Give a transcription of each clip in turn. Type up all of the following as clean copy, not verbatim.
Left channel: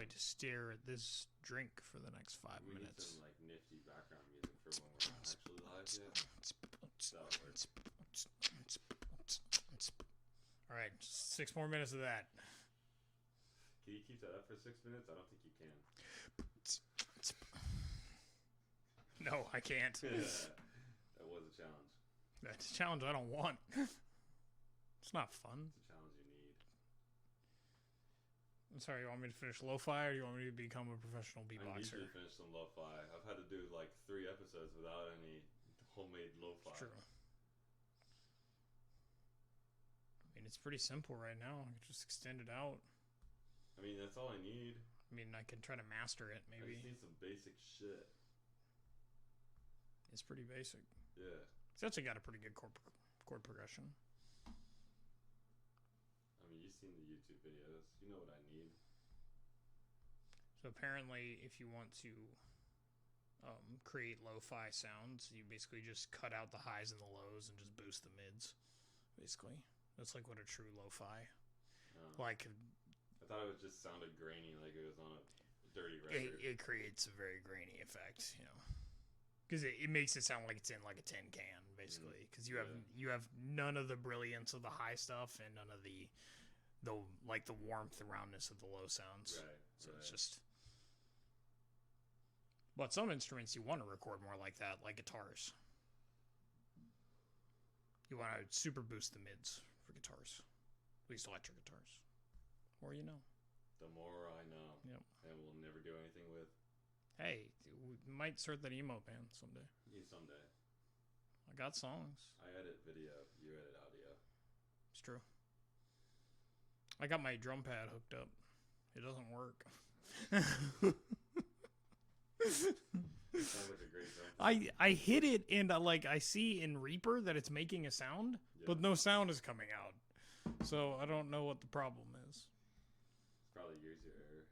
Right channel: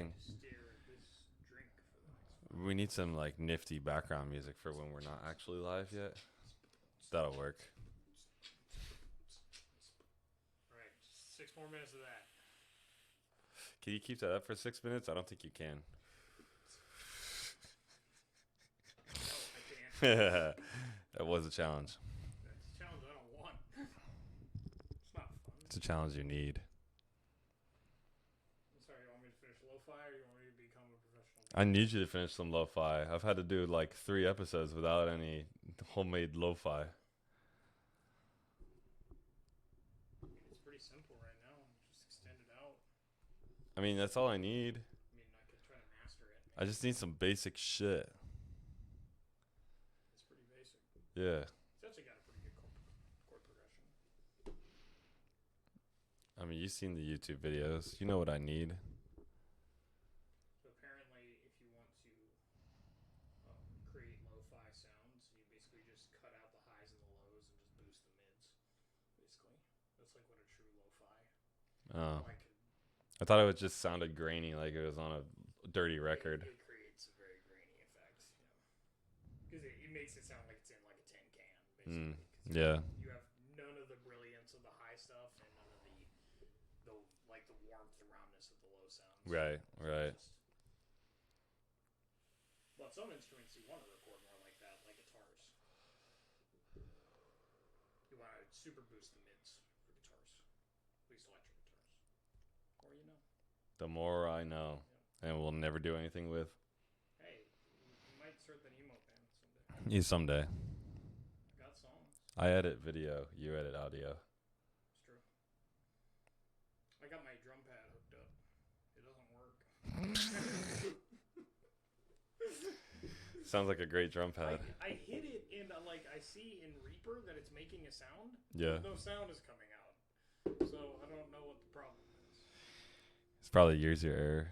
going thing. to stare at this drink for the next 5 minutes. We need some like nifty background music for when we're not actually live yet. That'll work. All right, 6 more minutes of that. Can you keep that up for 6 minutes? I don't think you can. No, I can't. That was a challenge. That's a challenge I don't want. It's not fun. It's a challenge you need. I'm sorry, you want me to finish lo-fi or do you want me to become a professional beatboxer? I need you to finish some lo-fi. I've had to do like 3 episodes without any homemade lo-fi. Sure. I mean, it's pretty simple right now. I can just extend it out. I mean, that's all I need. I mean, I can try to master it. Maybe. I just need some basic shit. It's pretty basic. Yeah. It's actually got a pretty good chord progression. I mean, you've seen the YouTube videos. You know what I need. So apparently, if you want to create lo-fi sounds, you basically just cut out the highs and the lows and just boost the mids. Basically, that's like what a true lo-fi. Oh. Like, I thought it just sounded grainy, like it was on a dirty record. It creates a very grainy effect, you know, because it makes it sound like it's in like a tin can, basically. Because you have none of the brilliance of the high stuff and none of the like the warmth and roundness of the low sounds. Right, so right. It's just, but some instruments you want to record more like that, like guitars. You want to super boost the mids for guitars, at least electric guitars. Or you know. The more I know. Yep. And we'll never do anything with. Hey, we might start that emo band someday. Yeah, someday. I got songs. I edit video. You edit audio. It's true. I got my drum pad hooked up. It doesn't work. Sounds like a great drum pad. I hit it and I see in Reaper that it's making a sound, but no sound is coming out. So I don't know what the problem is. It's probably user error.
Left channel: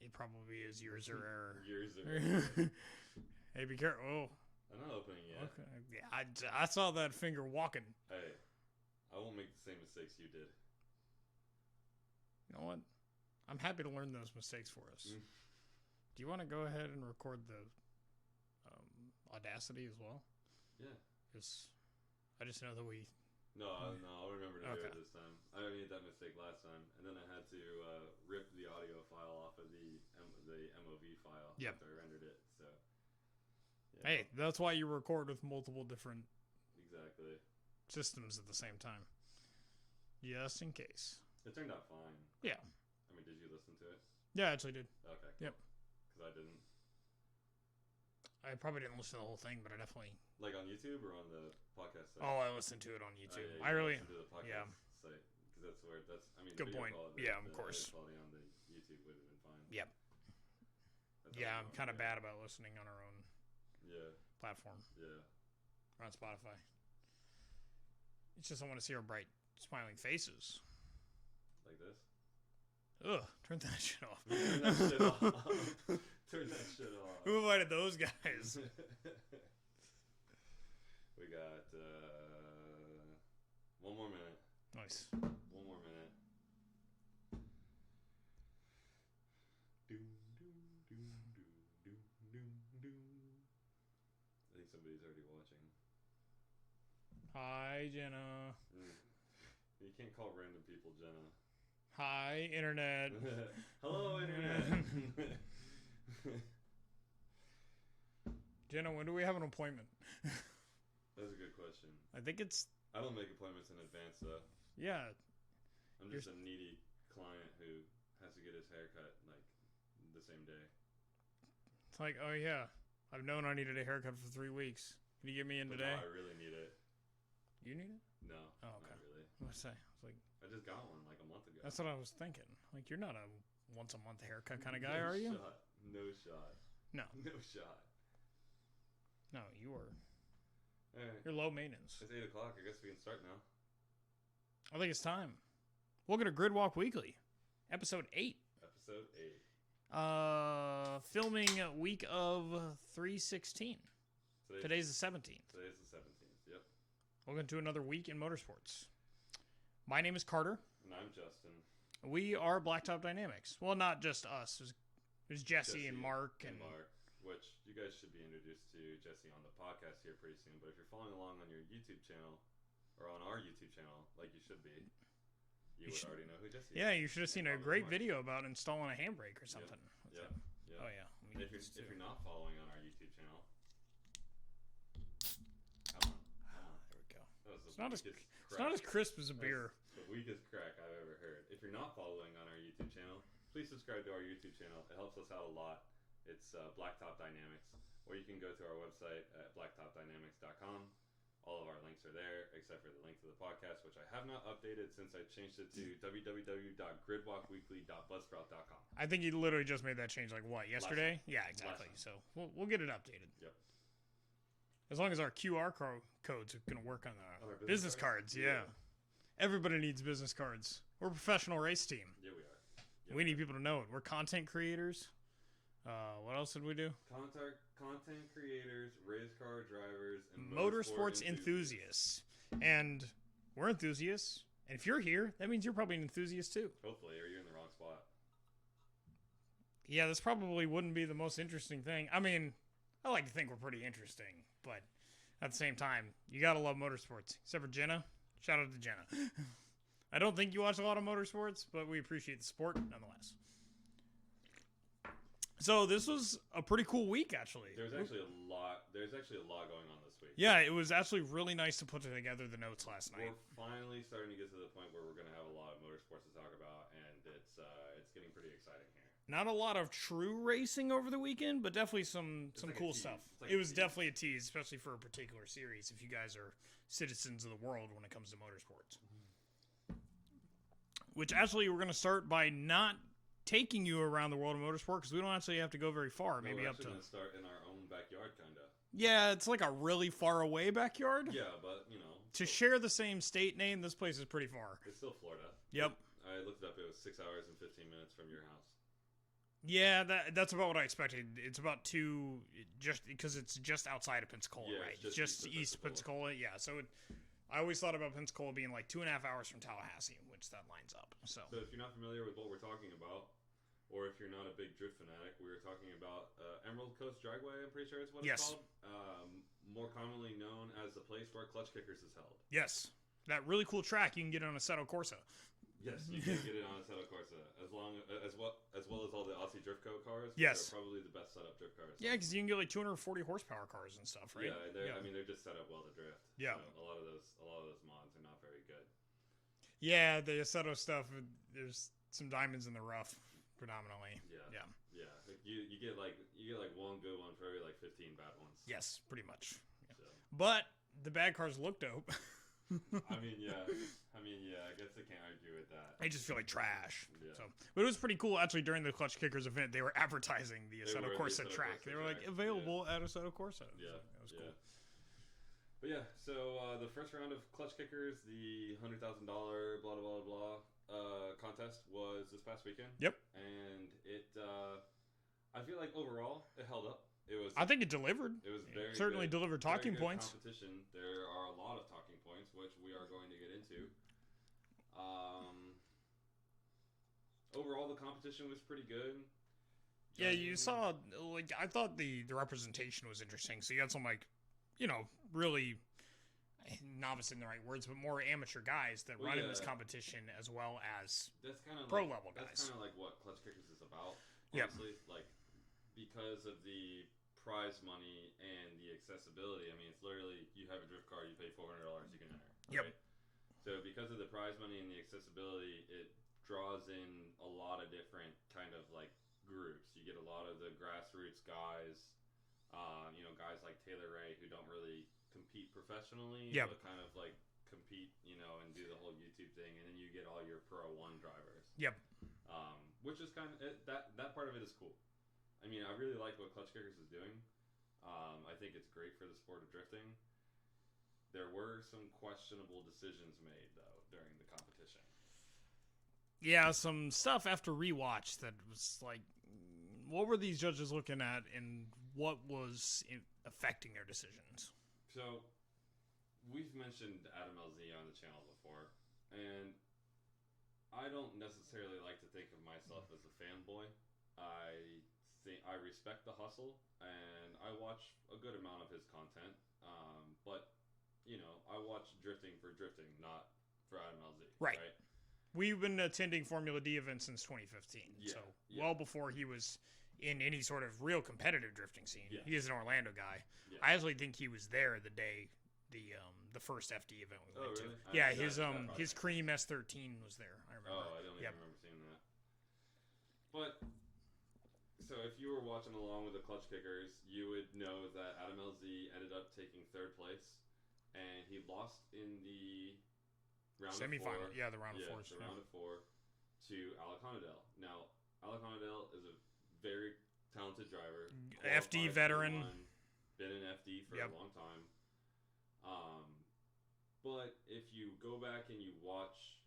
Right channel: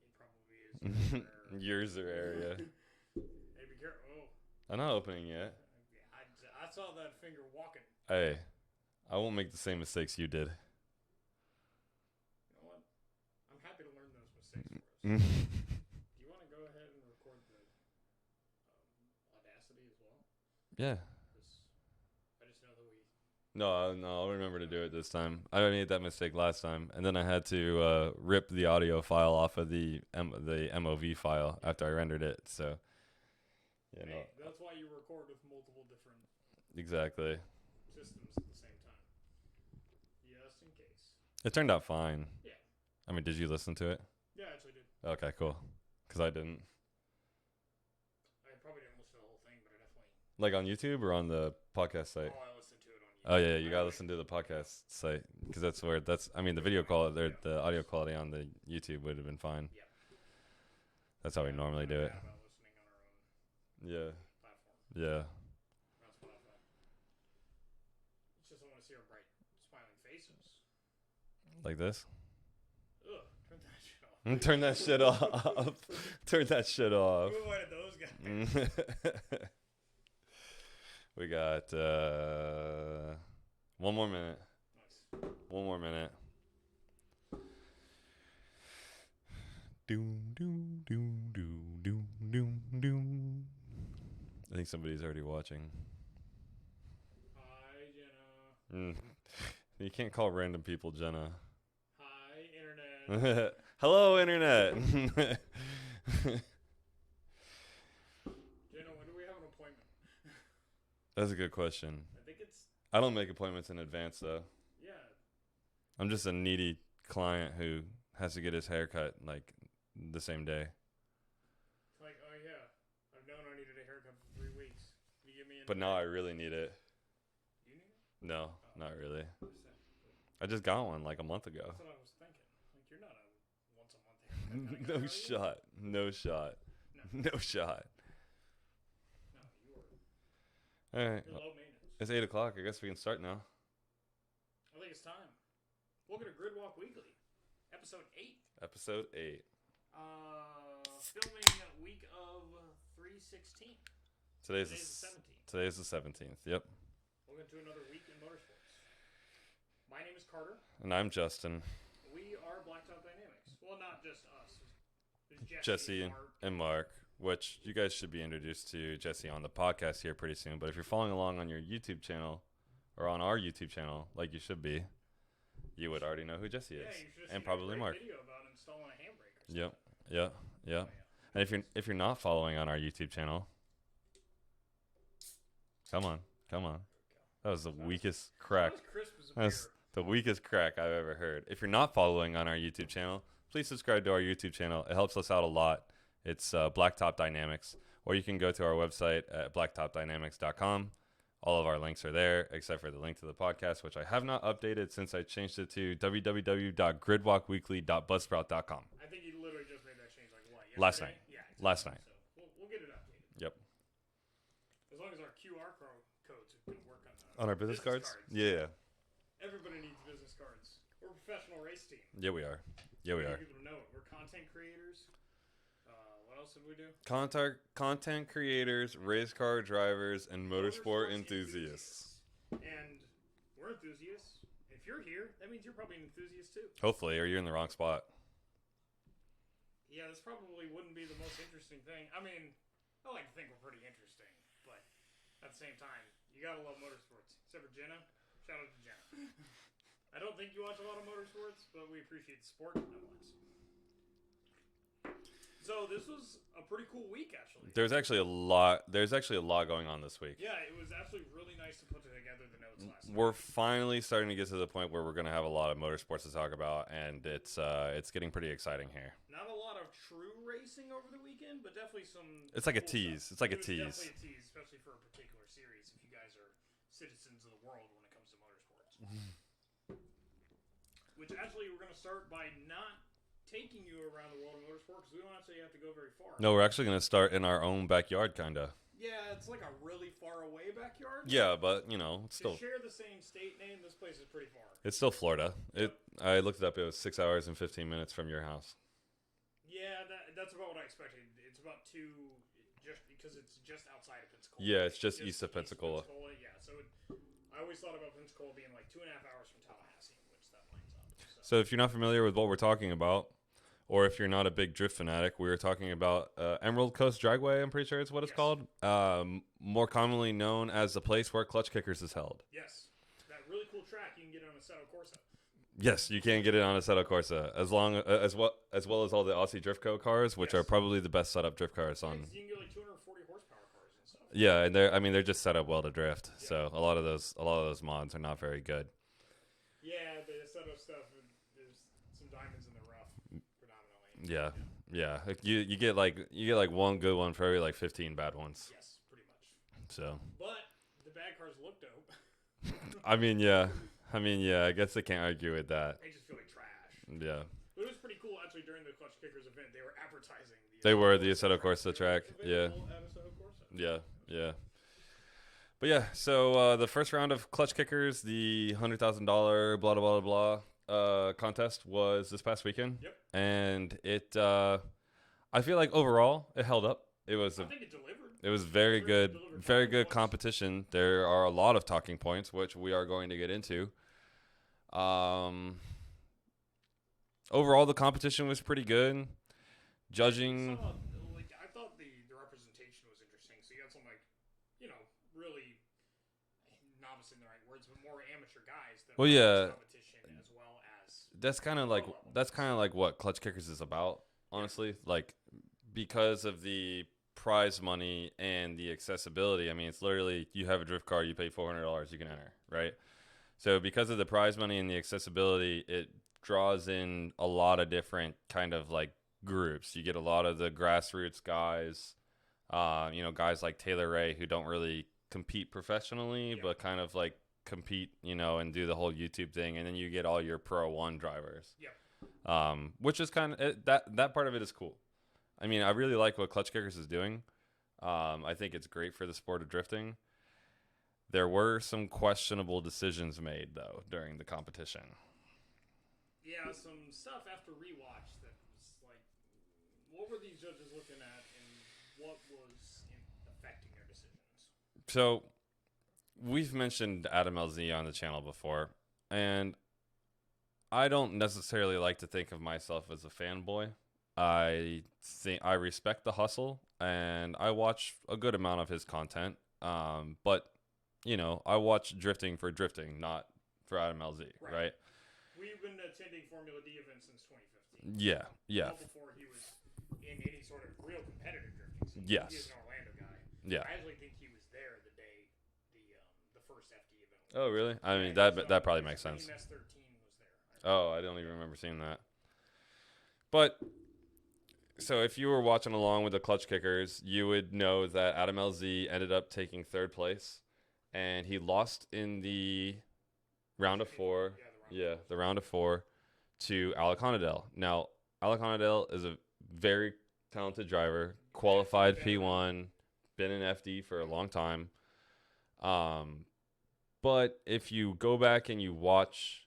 It probably is user error. User error. Yeah. Hey, be careful. Oh. I'm not opening yet. Okay. I saw that finger walking. Hey, I won't make the same mistakes you did. You know what? I'm happy to learn those mistakes for us. Do you want to go ahead and record the Audacity as well? Yeah. I just know that we... No, I'll remember to do it this time. I made that mistake last time, and then I had to rip the audio file off of the MOV file after I rendered it. So, yeah. Hey, that's why you record with multiple different exactly systems at the same time, just in case. It turned out fine. Yeah. I mean, did you listen to it? Yeah, I actually did. Okay, cool. Because I didn't. I probably didn't listen to the whole thing, but I definitely... Like on YouTube or on the podcast site? Oh, I listened to it on YouTube. Oh, yeah, you got to listen to the podcast site. Because that's where... the Good video point. quality, the audio quality on the YouTube would have been fine. Yep. That's how we normally do it. I'm kind of bad about listening on our own platform. Yeah. Or on Spotify. It's just I want to see our bright, smiling faces. Like this? Ugh, turn that shit off. Turn that shit off. Turn that shit off. Who invited those guys? We got 1 more minute. Nice. 1 more minute. Doom, doom, doom, doom, doom, doom, doom. I think somebody's already watching. Hi, Jenna. You can't call random people Jenna. Hi, Internet. Hello, Internet. Jenna, when do we have an appointment? That's a good question. I think it's... I don't make appointments in advance, though. Yeah. I'm just a needy client who has to get his hair cut, like, the same day. It's like, oh, yeah. I've known I needed a haircut for 3 weeks. Can you get me in But today? now I really need it. You need it? No, not really. What'd I say? Like, I just got one, like, a month ago. that's what I was thinking. Like, you're not a once-a-month haircut kind of guy, No are you? shot. No shot. No. No shot. No, you are. All right. You're low maintenance. It's 8 o'clock. I guess we can start now. I think it's time. Welcome to Grid Walk Weekly, episode 8. Episode 8. Filming week of 3/16. Today's the 17th. Today's the 17th. Yep. Welcome to another week in motorsports. My name is Carter. And I'm Justin. We are Blacktop Dynamics. Well, not just us. There's Jesse and Mark. Which you guys should be introduced to Jesse on the podcast here pretty soon. But if you're following along on your YouTube channel or on our YouTube channel, like you should be, you would already know who Jesse is. Yeah, you should have seen a great video about installing a handbrake or something. Yeah. Oh, yeah. And if you're not following on our YouTube channel, come on. There we go. That was the weakest crack. It's not as crisp as a beer. The weakest crack I've ever heard. If you're not following on our YouTube channel, please subscribe to our YouTube channel. It helps us out a lot. It's Blacktop Dynamics. Or you can go to our website at blacktopdynamics.com. All of our links are there, except for the link to the podcast, which I have not updated since I changed it to www.gridwalkweekly.buzzsprout.com. I think you literally just made that change, yesterday? Last night. Yeah, exactly. Last night. So we'll get it updated. Yep. As long as our QR codes are going to work on our business cards. Yeah. Everybody needs business cards. We're a professional race team. Yeah, we are. We need people to know it. We're content creators. What else did we do? Content creators, race car drivers, and motorsport enthusiasts. And we're enthusiasts. And if you're here, that means you're probably an enthusiast too. Hopefully, or you're in the wrong spot. Yeah, this probably wouldn't be the most interesting thing. I mean, I like to think we're pretty interesting, but at the same time, you gotta love motorsports. Except for Jenna. Shout out to Jenna. I don't think you watch a lot of motorsports, but we appreciate the sport nonetheless. So this was a pretty cool week, actually. There's actually a lot going on this week. Yeah, it was actually really nice to put together the notes last night. We're finally starting to get to the point where we're going to have a lot of motorsports to talk about, and it's getting pretty exciting here. Not a lot of true racing over the weekend, but definitely some. It's like cool a tease. Stuff. It's like it a tease. It was definitely a tease, especially for a particular series. If you guys are citizens of the world when it comes to motorsports, which actually we're going to start by not taking you around the world of motorsport because we don't actually have to go very far. No, we're actually going to start in our own backyard, kind of. Yeah, it's like a really far away backyard. Yeah, but, share the same state name, this place is pretty far. It's still Florida. Yep. I looked it up. It was 6 hours and 15 minutes from your house. Yeah, that's about what I expected. It's about just because it's just outside of Pensacola. Yeah, it's just east of Pensacola. Yeah, so I always thought about Pensacola being like 2.5 hours from Tallahassee, which that lines up. So if you're not familiar with what we're talking about, or if you're not a big drift fanatic, we were talking about Emerald Coast Dragway, I'm pretty sure it's what it's called. More commonly known as the place where Klutch Kickers is held. Yes. That really cool track you can get on Assetto Corsa. Yes, you can get it on Assetto Corsa, as well as all the Aussie Drift Co cars, which are probably the best setup drift cars. Yeah, because you can get like 240 horsepower cars and stuff. Right? Yeah, and they're just set up well to drift. Yeah. So a lot of those mods are not very good. Yeah, the Assetto stuff, there's some diamonds in the rough, predominantly. Yeah. Like you get like one good one for every like 15 bad ones. Yes, pretty much. So. But the bad cars look dope. I mean, yeah. I guess I can't argue with that. They just feel like trash. Yeah. So, but it was pretty cool, actually, during the Klutch Kickers event, they were advertising the Assetto Corsa track. Available at Assetto Corsa. Yeah. But yeah, so the first round of Klutch Kickers, the $100,000 blah, blah, blah, blah contest was this past weekend. Yep. And it, I feel like overall, it held up. I think it delivered. It was very good. Very good competition. There are a lot of talking points, which we are going to get into. Overall, the competition was pretty good. Judging, I thought the representation was interesting. So you had some really novice in the right words, but more amateur guys that run this competition as well as that's kind of like what Klutch Kickers is about. Honestly, because of the prize money and the accessibility. I mean, it's literally you have a drift car, you pay $400, you can enter, right? Yep. So because of the prize money and the accessibility, it draws in a lot of different kind of like groups. You get a lot of the grassroots guys, guys like Taylor Ray who don't really compete professionally, but kind of like compete, and do the whole YouTube thing. And then you get all your Pro 1 drivers. Yep. Which is kind of that part of it is cool. I mean, I really like what Klutch Kickers is doing. I think it's great for the sport of drifting. There were some questionable decisions made, though, during the competition. Yeah, some stuff after rewatch that was like, what were these judges looking at and what was affecting their decisions? So, we've mentioned Adam LZ on the channel before, and I don't necessarily like to think of myself as a fanboy. I think I respect the hustle, and I watch a good amount of his content. But I watch drifting for drifting, not for Adam LZ. Right. We've been attending Formula D events since 2015. Yeah, yeah. Well before he was in any sort of real competitive drifting scene. Yes. He is an Orlando guy. Yeah. I actually think he was there the day the first FD event was. Oh, really? I mean, that probably makes sense. His Cream S13 was there. I don't even remember seeing that. But, so if you were watching along with the Klutch Kickers, you would know that Adam LZ ended up taking third place, and he lost in the round of four. Yeah, the round of four to Alec Honadell. Now, Alec Honadell is a very talented driver, qualified P1, been in FD for a long time. But if you go back and you watch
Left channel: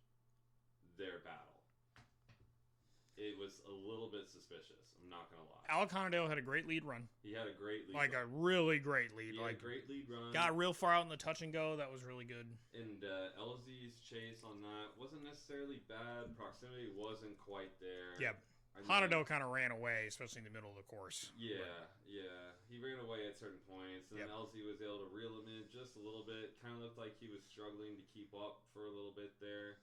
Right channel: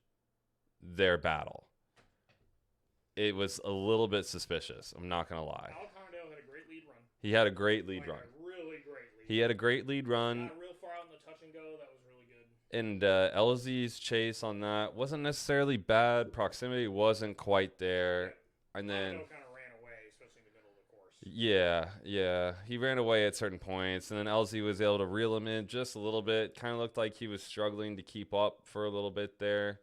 their battle, it was a little bit suspicious. I'm not going to lie. Alec Honadell had a great lead run. He had a great lead run. Like a really great lead run. He had a great lead run. Got real far out in the touch and go. That was really good. And LZ's chase on that wasn't necessarily bad. Proximity wasn't quite there. Yeah. And Honadell kind of ran away, especially in the middle of the course. Yeah. He ran away at certain points, and then LZ was able to reel him in just a little bit. Kind of looked like he was struggling to keep up for a little bit there.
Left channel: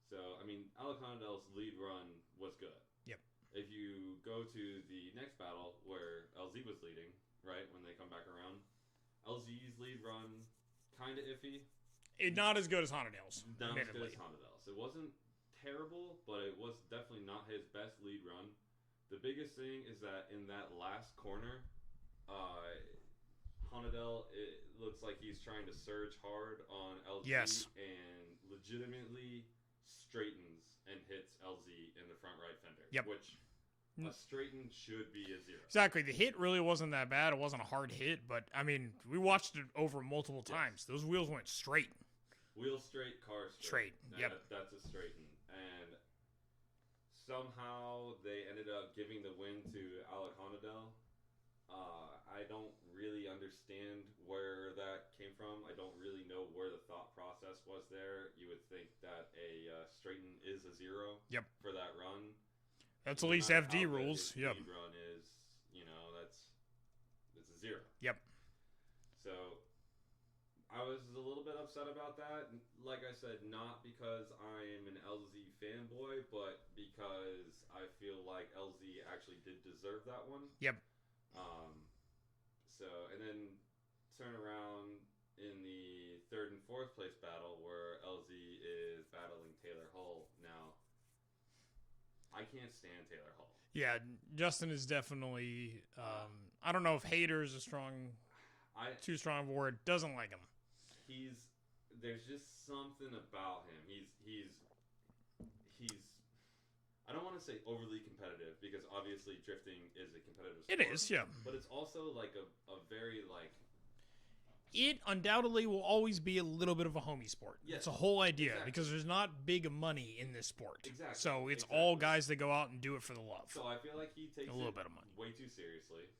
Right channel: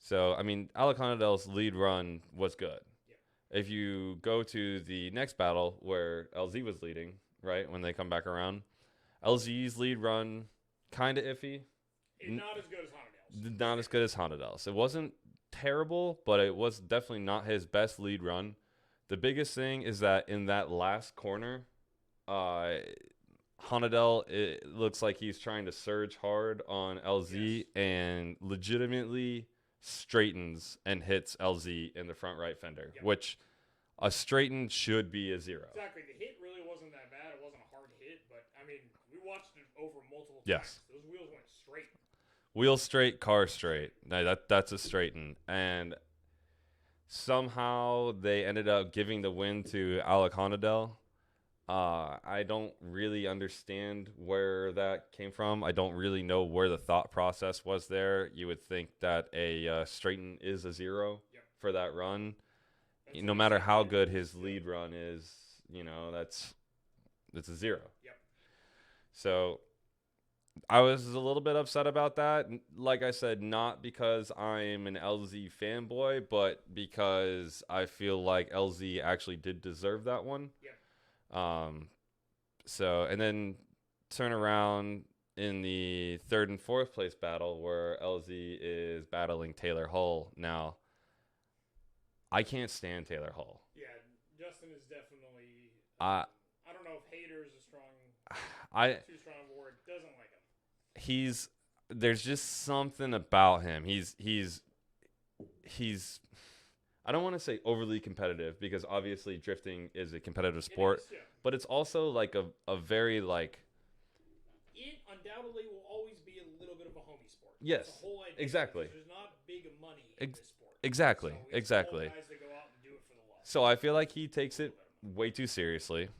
So, I mean, Alec Honadell's lead run was good. Yep. If you go to the next battle where LZ was leading, right, when they come back around, LZ's lead run, kind of iffy. Not as good as Honadell's. Not as good as Honadell's. It wasn't terrible, but it was definitely not his best lead run. The biggest thing is that in that last corner, Honadell, it looks like he's trying to surge hard on LZ and legitimately straightens and hits LZ in the front right fender, which a straighten should be a 0. Exactly. The hit really wasn't that bad. It wasn't a hard hit, but I mean, we watched it over multiple times. Those wheels went straight. Wheel straight, car straight. That's a straighten. And somehow they ended up giving the win to Alec Honadell. I don't really understand where that came from. I don't really know where the thought process was there. You would think that a straighten is a 0 for that run. No matter how good his lead run is, it's a 0. Yep. So I was a little bit upset about that. Like I said, not because I'm an LZ fanboy, but because I feel like LZ actually did deserve that one. Yep. So, and then turn around in the 3rd and 4th place battle where LZ is battling Taylor Hull. Now, I can't stand Taylor Hull. Yeah, Justin is definitely, I don't know if hater is too strong of a word, doesn't like him. There's just something about him. He's I don't want to say overly competitive, because obviously drifting is a competitive sport. It is, yeah. But it's also like a very like... It undoubtedly will always be a little bit of a homie sport. Yes. It's a whole idea. Exactly. Because there's not big money in this sport. Exactly. So it's all guys that go out and do it for the love. So I feel like he takes it way too seriously.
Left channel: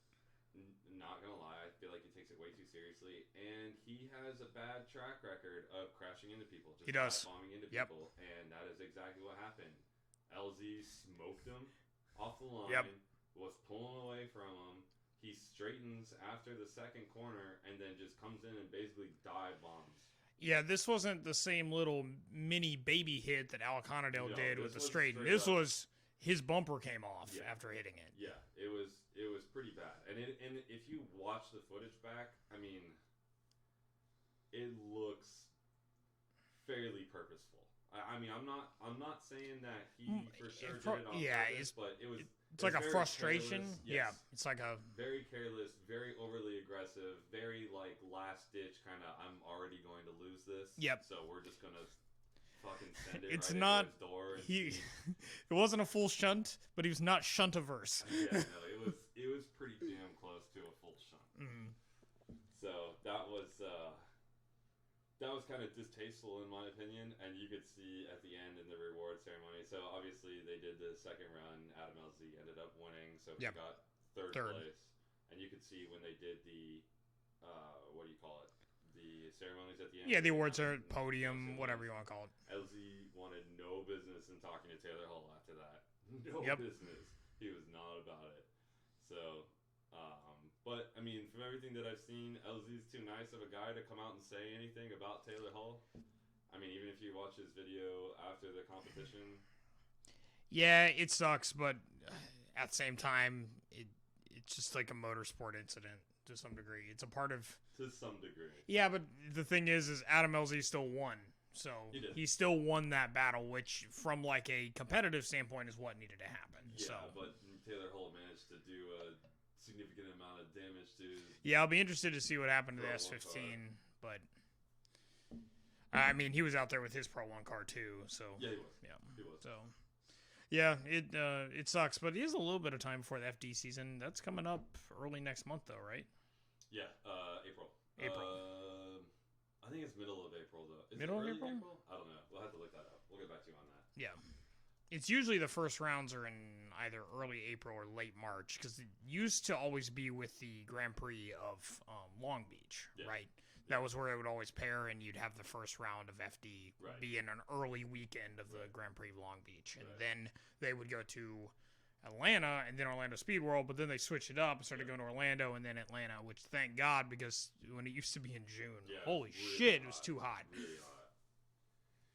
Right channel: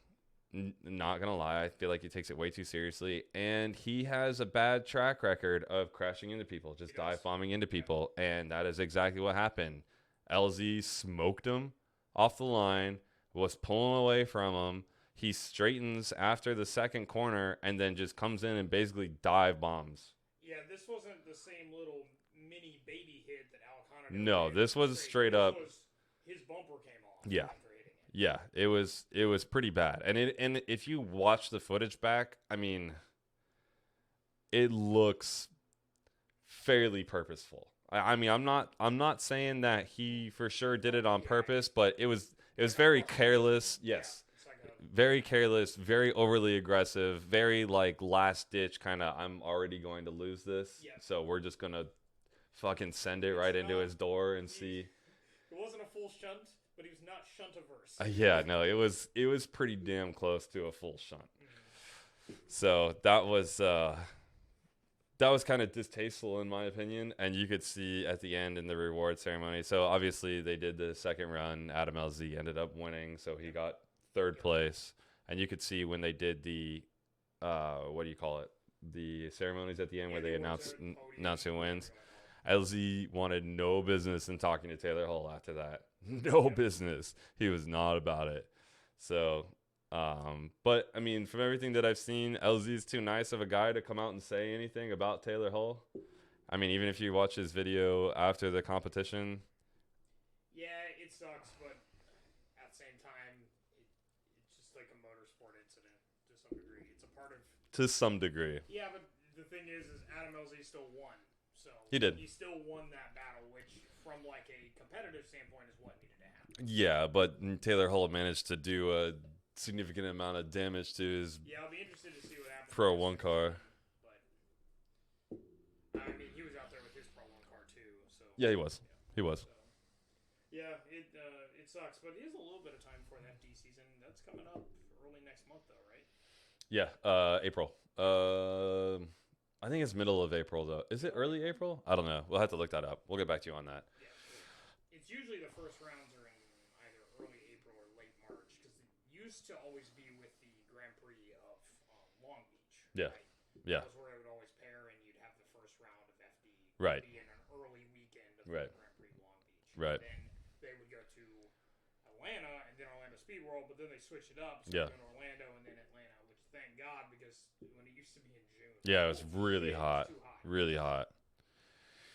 Not going to lie. I feel like he takes it way too seriously. And he has a bad track record of crashing into people. Just dive bombing into people. Yep. And that is exactly what happened. LZ smoked him off the line, was pulling away from him. He straightens after the second corner and then just comes in and basically dive bombs. Yeah, this wasn't the same little mini baby hit that Alec Honadell did. No, this was straight up. This was his bumper came off after hitting it. Yeah, it was pretty bad. And if you watch the footage back, I mean, it looks fairly purposeful. I mean, I'm not saying that he for sure did it on purpose, but it was like very careless. Yes. Yeah, it's like a very careless, very overly aggressive, very like last ditch kind of, I'm already going to lose this. Yep. So we're just going to fucking send it right into his door and see. It wasn't a full shunt, but he was not shunt averse. Yeah, no, it was pretty damn close to a full shunt. Mm-hmm. So that was kind of distasteful in my opinion, and you could see at the end in the reward ceremony. So obviously they did the second run. Adam LZ ended up winning, so he got third place. And you could see when they did the, what do you call it? The ceremonies at the end. Yeah, the awards are podium, whatever you want to call it. LZ wanted no business in talking to Taylor Hall after that. No business. He was not about it. So, but I mean, from everything that I've seen, LZ's too nice of a guy to come out and say anything about Taylor Hall. I mean, even if you watch his video after the competition. Yeah, it sucks, but at the same time, it's just like a motorsport incident to some degree. It's a part of... To some degree. Yeah, but the thing is Adam LZ still won. So he did. He still won that battle, which from like a competitive standpoint is what needed to happen. Yeah, but Taylor Hall managed to do a significant amount of damage to his... Yeah, I'll be interested to see what happened Pro to 1 car. But I mean, he was out there with his Pro 1 car too. So yeah, he was. Yeah, he was. So yeah, it sucks, but he has a little bit of time before the FD season. That's coming up early next month, though, right? Yeah, April. I think it's middle of April, though. Is it early April? I don't know. We'll have to look that up. We'll get back to you on that. Yeah. It's usually the first rounds are in either early April or late March, because it used to always be with the Grand Prix of Long Beach, right? That was where it would always pair, and you'd have the first round of FD be in an early weekend of the Grand Prix of Long Beach. Right. Then they would go to Atlanta and then Orlando Speed World, but then they switched it up, started going to Orlando and then Atlanta, which thank God, because when it used to be in June, it was really hot. It was too hot. Really hot.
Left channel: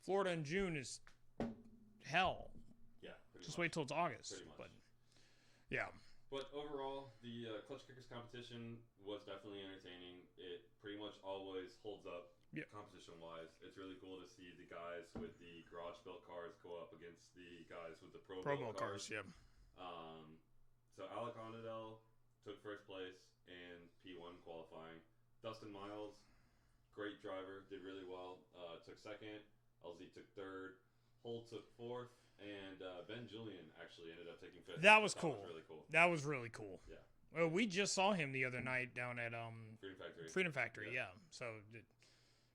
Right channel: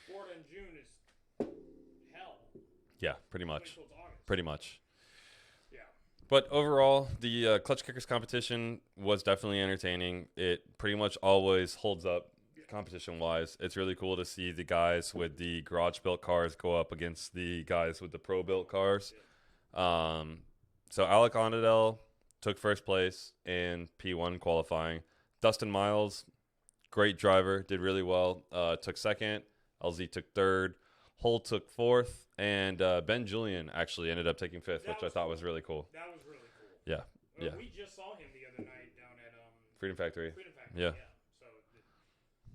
Florida in June is hell. Yeah, pretty much. Just wait till it's August. Pretty much. But, yeah. But overall, the Klutch Kickers competition was definitely entertaining. It pretty much always holds up competition-wise. It's really cool to see the guys with the garage-built cars go up against the guys with the pro-built cars. So Alec Ondadell took first place in P1 qualifying. Dustin Miles, great driver, did really well. Took second. LZ took third. Hull took fourth. And Ben Julian actually ended up taking fifth, which I thought was really cool. That was really cool. Yeah. Well, we just saw him the other night down at Freedom Factory. Yeah. So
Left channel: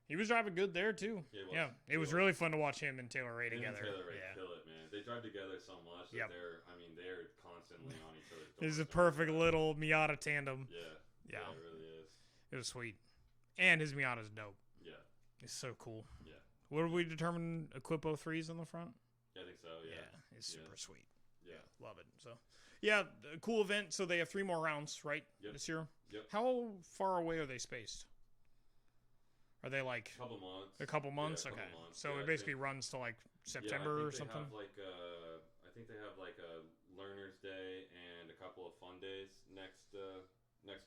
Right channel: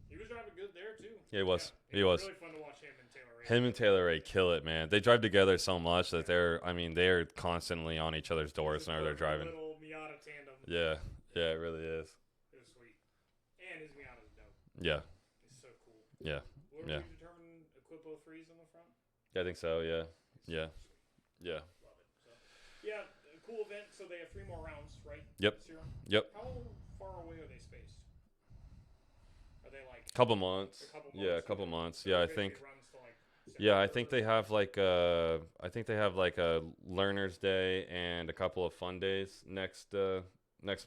he was driving good there too. Yeah, he was. Yeah, it was really fun to watch him and Taylor Ray. And Taylor Ray kill it, man. They drive together so much that they're constantly on each other's doors. It's a perfect little Miata tandem. Yeah, it really is. It was sweet, and his Miata's dope. Yeah, it's so cool. Yeah. What did we determine? Equipo 3s on the front. I think so. Yeah. It's super sweet. Yeah. Love it. So, yeah, a cool event. So they have 3 more rounds, right? Yep. This year. Yep. How far away are they spaced? Are they like a couple months? A couple months. Yeah, a couple months. So yeah, it I think runs to like September. Yeah, I think they have like a learner's day and a couple of fun days next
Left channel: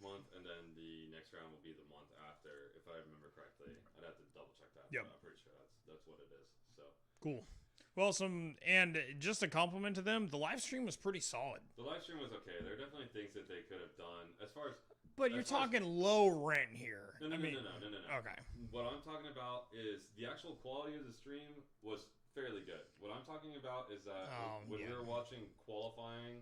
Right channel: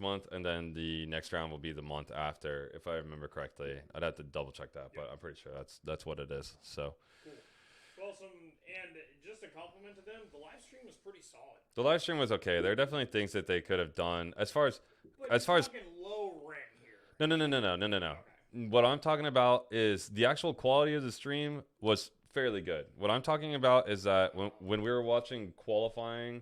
month, and then the next round will be the month after, if I remember correctly. I'd have to double check that, but I'm pretty sure that's what it is. So cool. Well, and just a compliment to them, the live stream was pretty solid. The live stream was okay. There are definitely things that they could have done as far as. But you're talking low rent here. No. Okay. What I'm talking about is the actual quality of the stream was fairly good. What I'm talking about is that when we were watching qualifying,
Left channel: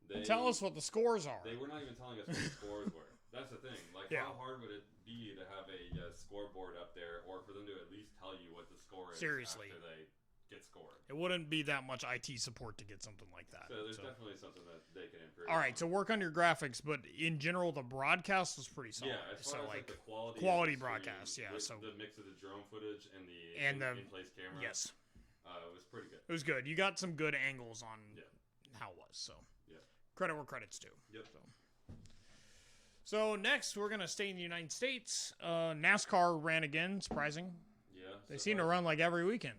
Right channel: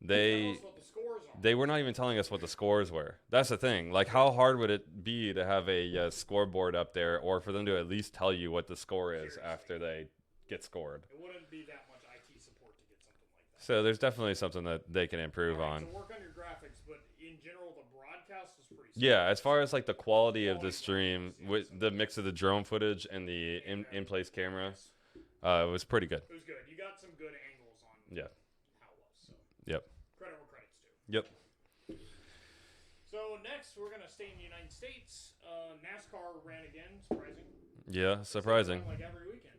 they tell us what the scores are. They were not even telling us what the scores were. That's the thing. Like, how hard would it be to have a scoreboard up there, or for them to at least tell you what the score is after they get scored? It wouldn't be that much IT support to get something like that. So there's definitely something that they can improve on. All right, so work on your graphics, but in general, the broadcast was pretty solid. Yeah, as far as like the quality of the stream, with so the mix of the drone footage and the in-place camera, it was pretty good. It was good. You got some good angles on how it was. So credit where credit's due. Yep. So next, we're going to stay in the United States. NASCAR ran again, surprising. Yeah, they surprising. Seem to run like every weekend.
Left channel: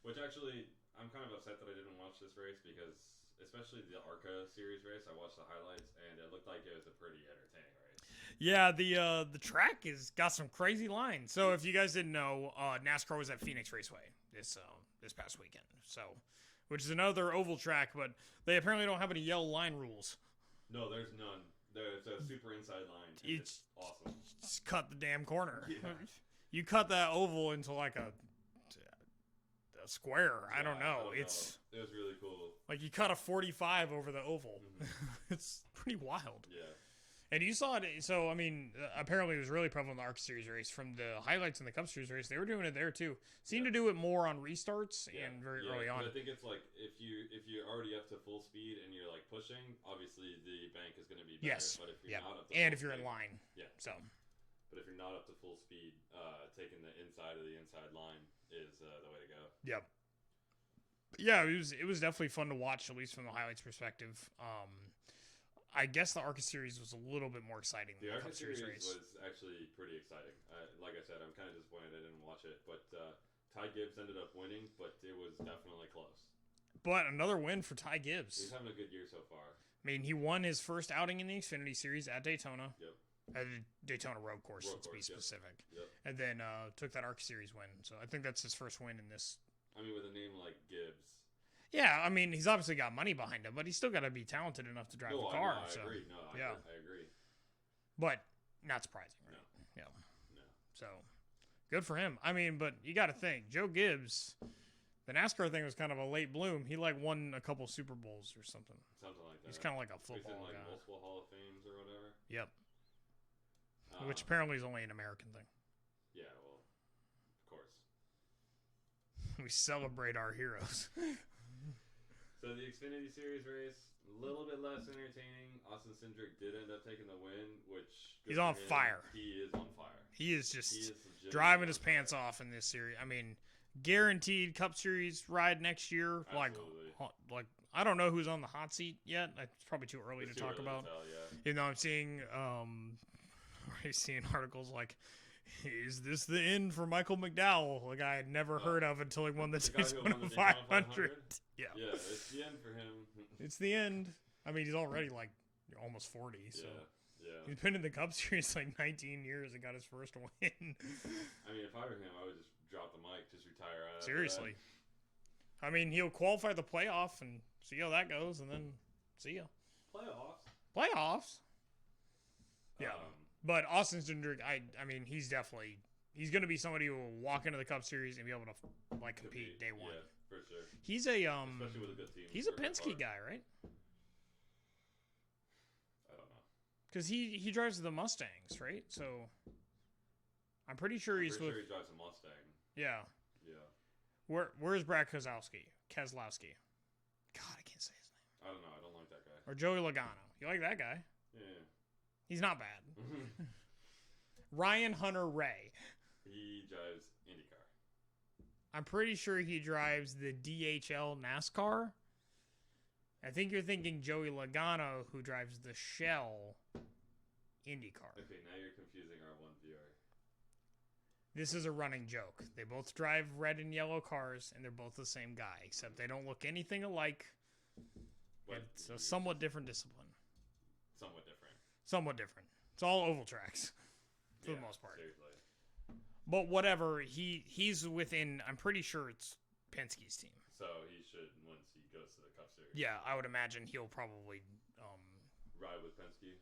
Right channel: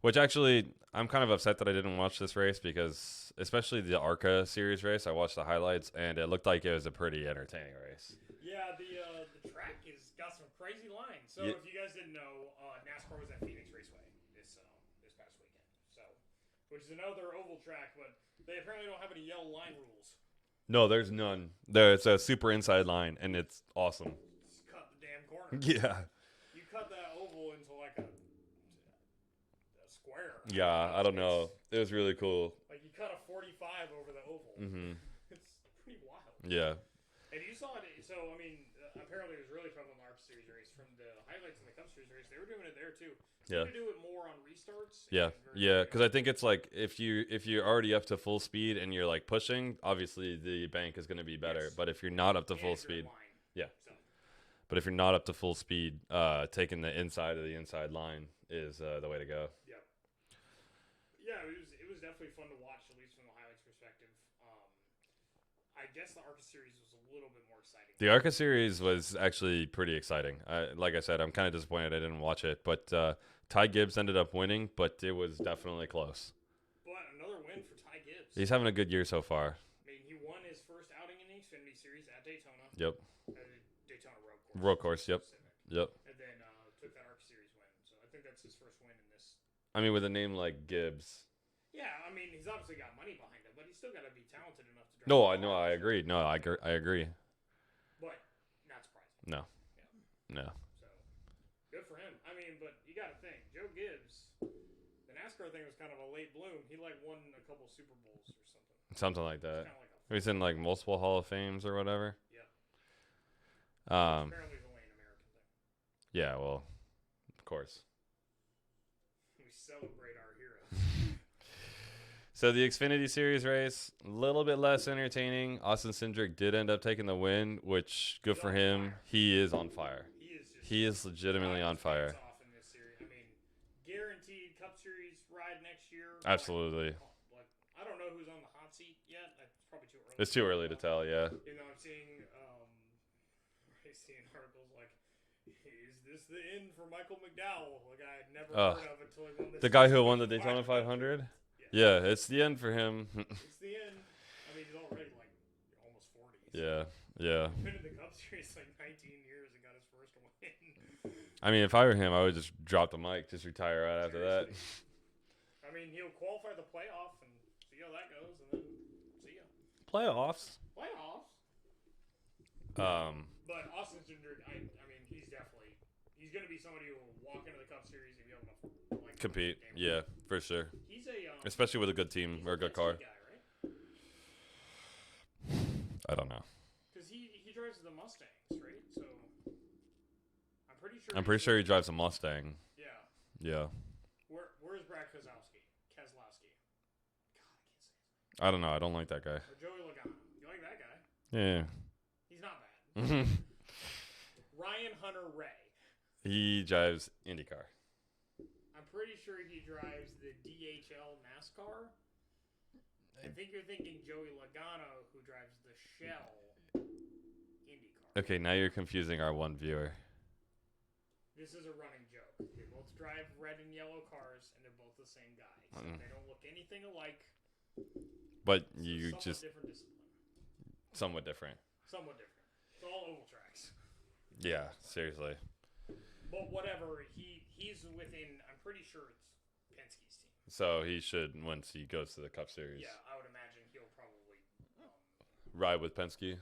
Which actually, I'm kind of upset that I didn't watch this race, because especially the ARCA series race, I watched the highlights, and it looked like it was a pretty entertaining race. Yeah, the track has got some crazy lines. So if you guys didn't know, NASCAR was at Phoenix Raceway this past weekend. So, which is another oval track, but they apparently don't have any yellow line rules. No, there's none. It's a super inside line, and it's awesome. Just cut the damn corner. Yeah. You cut that oval into like a square. I don't know. It was really cool. Like you cut a 45 over the oval. Mm-hmm. It's pretty wild. Yeah. And you saw it. So, I mean, apparently it was really prevalent in the ARC Series race. From the highlights in the Cup Series race, they were doing it there too. Seemed to do it more on restarts. Yeah. Because I think it's like if you're already up to full speed and you're like pushing, obviously the bank is going to be better. Yes. But if you're not up to full if speed, you're in line. But if you're not up to full speed, taking the inside of the inside line is the way to go. Yep. Yeah, it was definitely fun to watch, at least from the highlights perspective. I guess the ARCA series was a little bit more exciting. The ARCA series was actually pretty exciting. Like I said, I'm kind of disappointed I didn't watch it, but Ty Gibbs ended up winning, but it was definitely close. But another win for Ty Gibbs. He's having a good year so far. I mean, he won his first outing in the Xfinity Series at Daytona. Yep. At Daytona Road Course. Road Course, yep. Specific. Yep. And then took that ARCA series win. So I think that's his first win in this. I mean, with a name like Gibbs. Yeah, I mean, he's obviously got money behind him, but he's still got to be talented enough to drive. No, a car, I agree. No, I agree. But not surprising. No. Yeah. No. So good for him. I mean, but you got to think, Joe Gibbs, the NASCAR thing was kind of a late bloom. He won a couple Super Bowls or something. Something like that. It's kind of like a. He's in multiple Hall of Fames or whatever. Yep. Which apparently is only an American thing. Yeah, well, of course. We celebrate our heroes. So the Xfinity Series race, a little bit less entertaining. Austin Cindric did end up taking the win, which good for him. Fire. He is on fire. He is legitimately driving on fire. His pants off in this series. I mean, guaranteed Cup Series ride next year. Absolutely. Like I don't know who's on the hot seat yet. It's probably too early. It's too early to tell. Yeah. You know, I'm seeing articles like, is this the end for Michael McDowell? Like I had never heard of until he won the guy who won the Daytona 500. Yeah, it's the end for him. It's the end. I mean, he's already almost 40. So. Yeah. He's been in the Cup Series 19 years and got his first win. I mean, if I were him, I would just drop the mic, just retire right after that. Seriously. I mean, he'll qualify the playoff and see how that goes, and then see ya. Playoffs. Yeah. But Austin Cindric, I mean, he's going to be somebody who will walk into the Cup Series and be able to compete. Day one. Yeah, for sure. He's especially with a good team or a good car. He's a Penske guy, right? I don't know. Because he drives the Mustangs, right? So I'm pretty sure. He drives a Mustang. Yeah. Yeah. Where's Brad Keselowski? God, I can't say his name. I don't know. I don't like that guy. Or Joey Logano. You like that guy? Yeah. He's not bad. Ryan Hunter-Reay. He drives IndyCar. I'm pretty sure he drives the DHL NASCAR. I think you're thinking Joey Logano, who drives the Shell IndyCar. Okay, now you're confusing our one viewer. This is a running joke. They both drive red and yellow cars, and they're both the same guy, except they don't look anything alike. But it's a somewhat different discipline. Somewhat different. It's all oval tracks. Yeah, seriously. But whatever, he's within. I'm pretty sure it's Penske's team. So he should, once he goes to the Cup Series. Yeah, I would imagine he'll probably ride with Penske.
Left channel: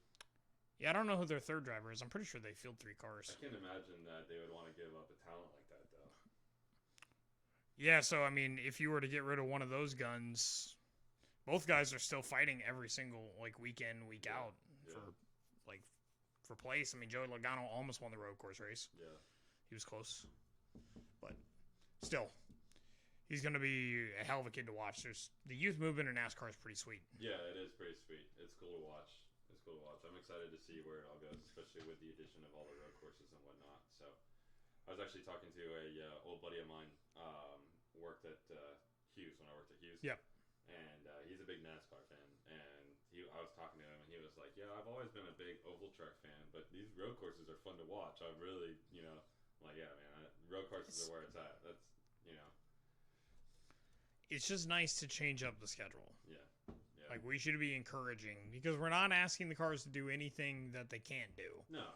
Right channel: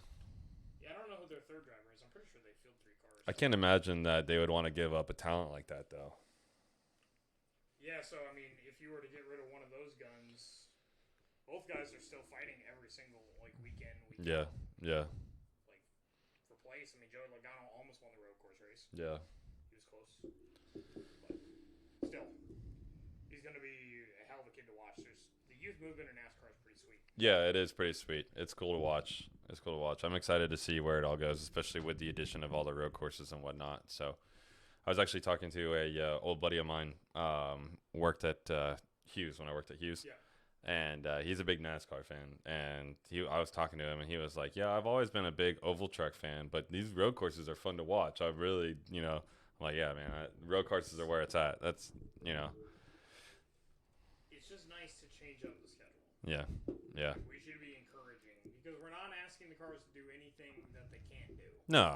Yeah, I don't know who their third driver is. I'm pretty sure they field 3 cars. I can't imagine that they would want to give up a talent like that, though. Yeah, so I mean, if you were to get rid of one of those guns, both guys are still fighting every single week in, week out. Yeah. For place. I mean, Joey Logano almost won the road course race. Yeah. He was close. But still, he's going to be a hell of a kid to watch. The youth movement in NASCAR is pretty sweet. Yeah, it is pretty sweet. It's cool to watch. I'm excited to see where it all goes, especially with the addition of all the road courses and whatnot. So I was actually talking to a old buddy of mine, worked at Hughes when I worked at Hughes. Yeah. And he's a big NASCAR fan. And I was talking to him, and he was like, yeah, I've always been a big oval track fan, but these road courses are fun to watch. I really, I'm like, yeah, man, road courses are where it's at. That's, It's just nice to change up the schedule. Yeah. We should be encouraging, because we're not asking the cars to do anything that they can't do. No.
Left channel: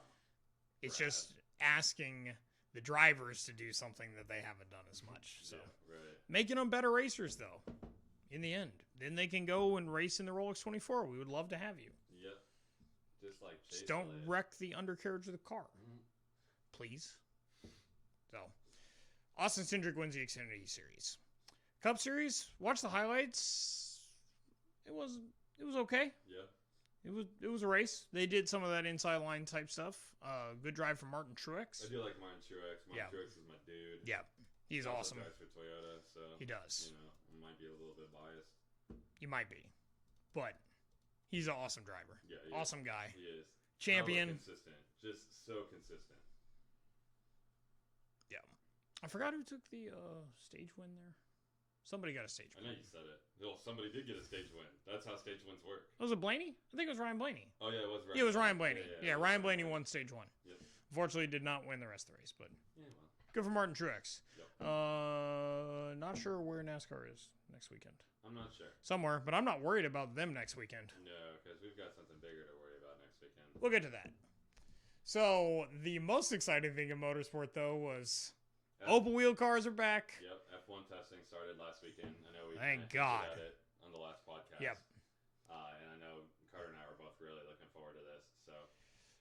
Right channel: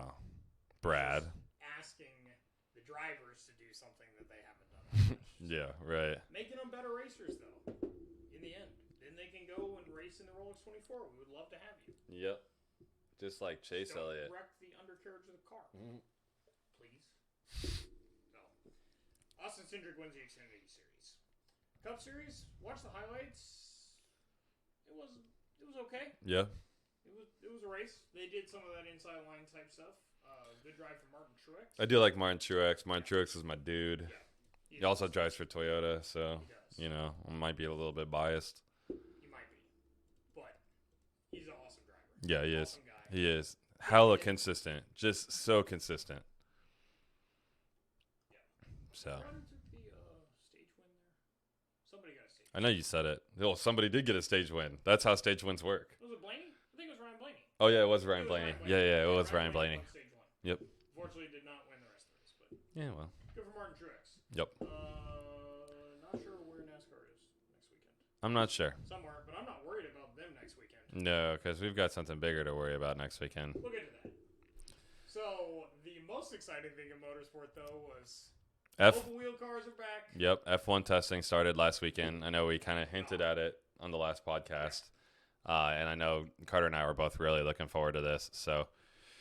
Brad. It's just asking the drivers to do something that they haven't done as much. So. Yeah, right. Making them better racers, though. In the end, then they can go and race in the Rolex 24. We would love to have you. Yep. Just like Chase Elliott. Don't wreck the undercarriage of the car, please. So, Austin Cindric wins the Xfinity Series. Cup Series. Watch the highlights. It was okay. Yeah. It was a race. They did some of that inside line type stuff. Good drive from Martin Truex. I do like Martin Truex. Martin Truex is my dude. Yeah. He also drives for Toyota, so he does. I might be a little bit biased. You might be, but he's an awesome driver. Yeah, he is. Awesome guy. He is. Champion. Hella consistent. Just so consistent. Yeah. So. I forgot who took the stage win there. Somebody got a stage win. I know you said it. Oh, somebody did get a stage win. That's how stage wins work. Was it Blaney? I think it was Ryan Blaney. Oh, yeah, it was Ryan Blaney. It was Ryan Blaney. Yeah, it was Ryan Blaney Blaney. won stage 1. Yep. Unfortunately, did not win the rest of the race, but yeah, well. good for Martin Truex. Yep. Not sure where NASCAR is next weekend. I'm not sure. Somewhere, but I'm not worried about them next weekend. No, because we've got something bigger to worry about next weekend. We'll get to that. So, the most exciting thing in motorsport, though, was open wheel cars are back. Yep, F1 testing started last weekend. I know we kind of hinted at it on the last podcast. Yep. And I know Carter and I were both really looking forward to this.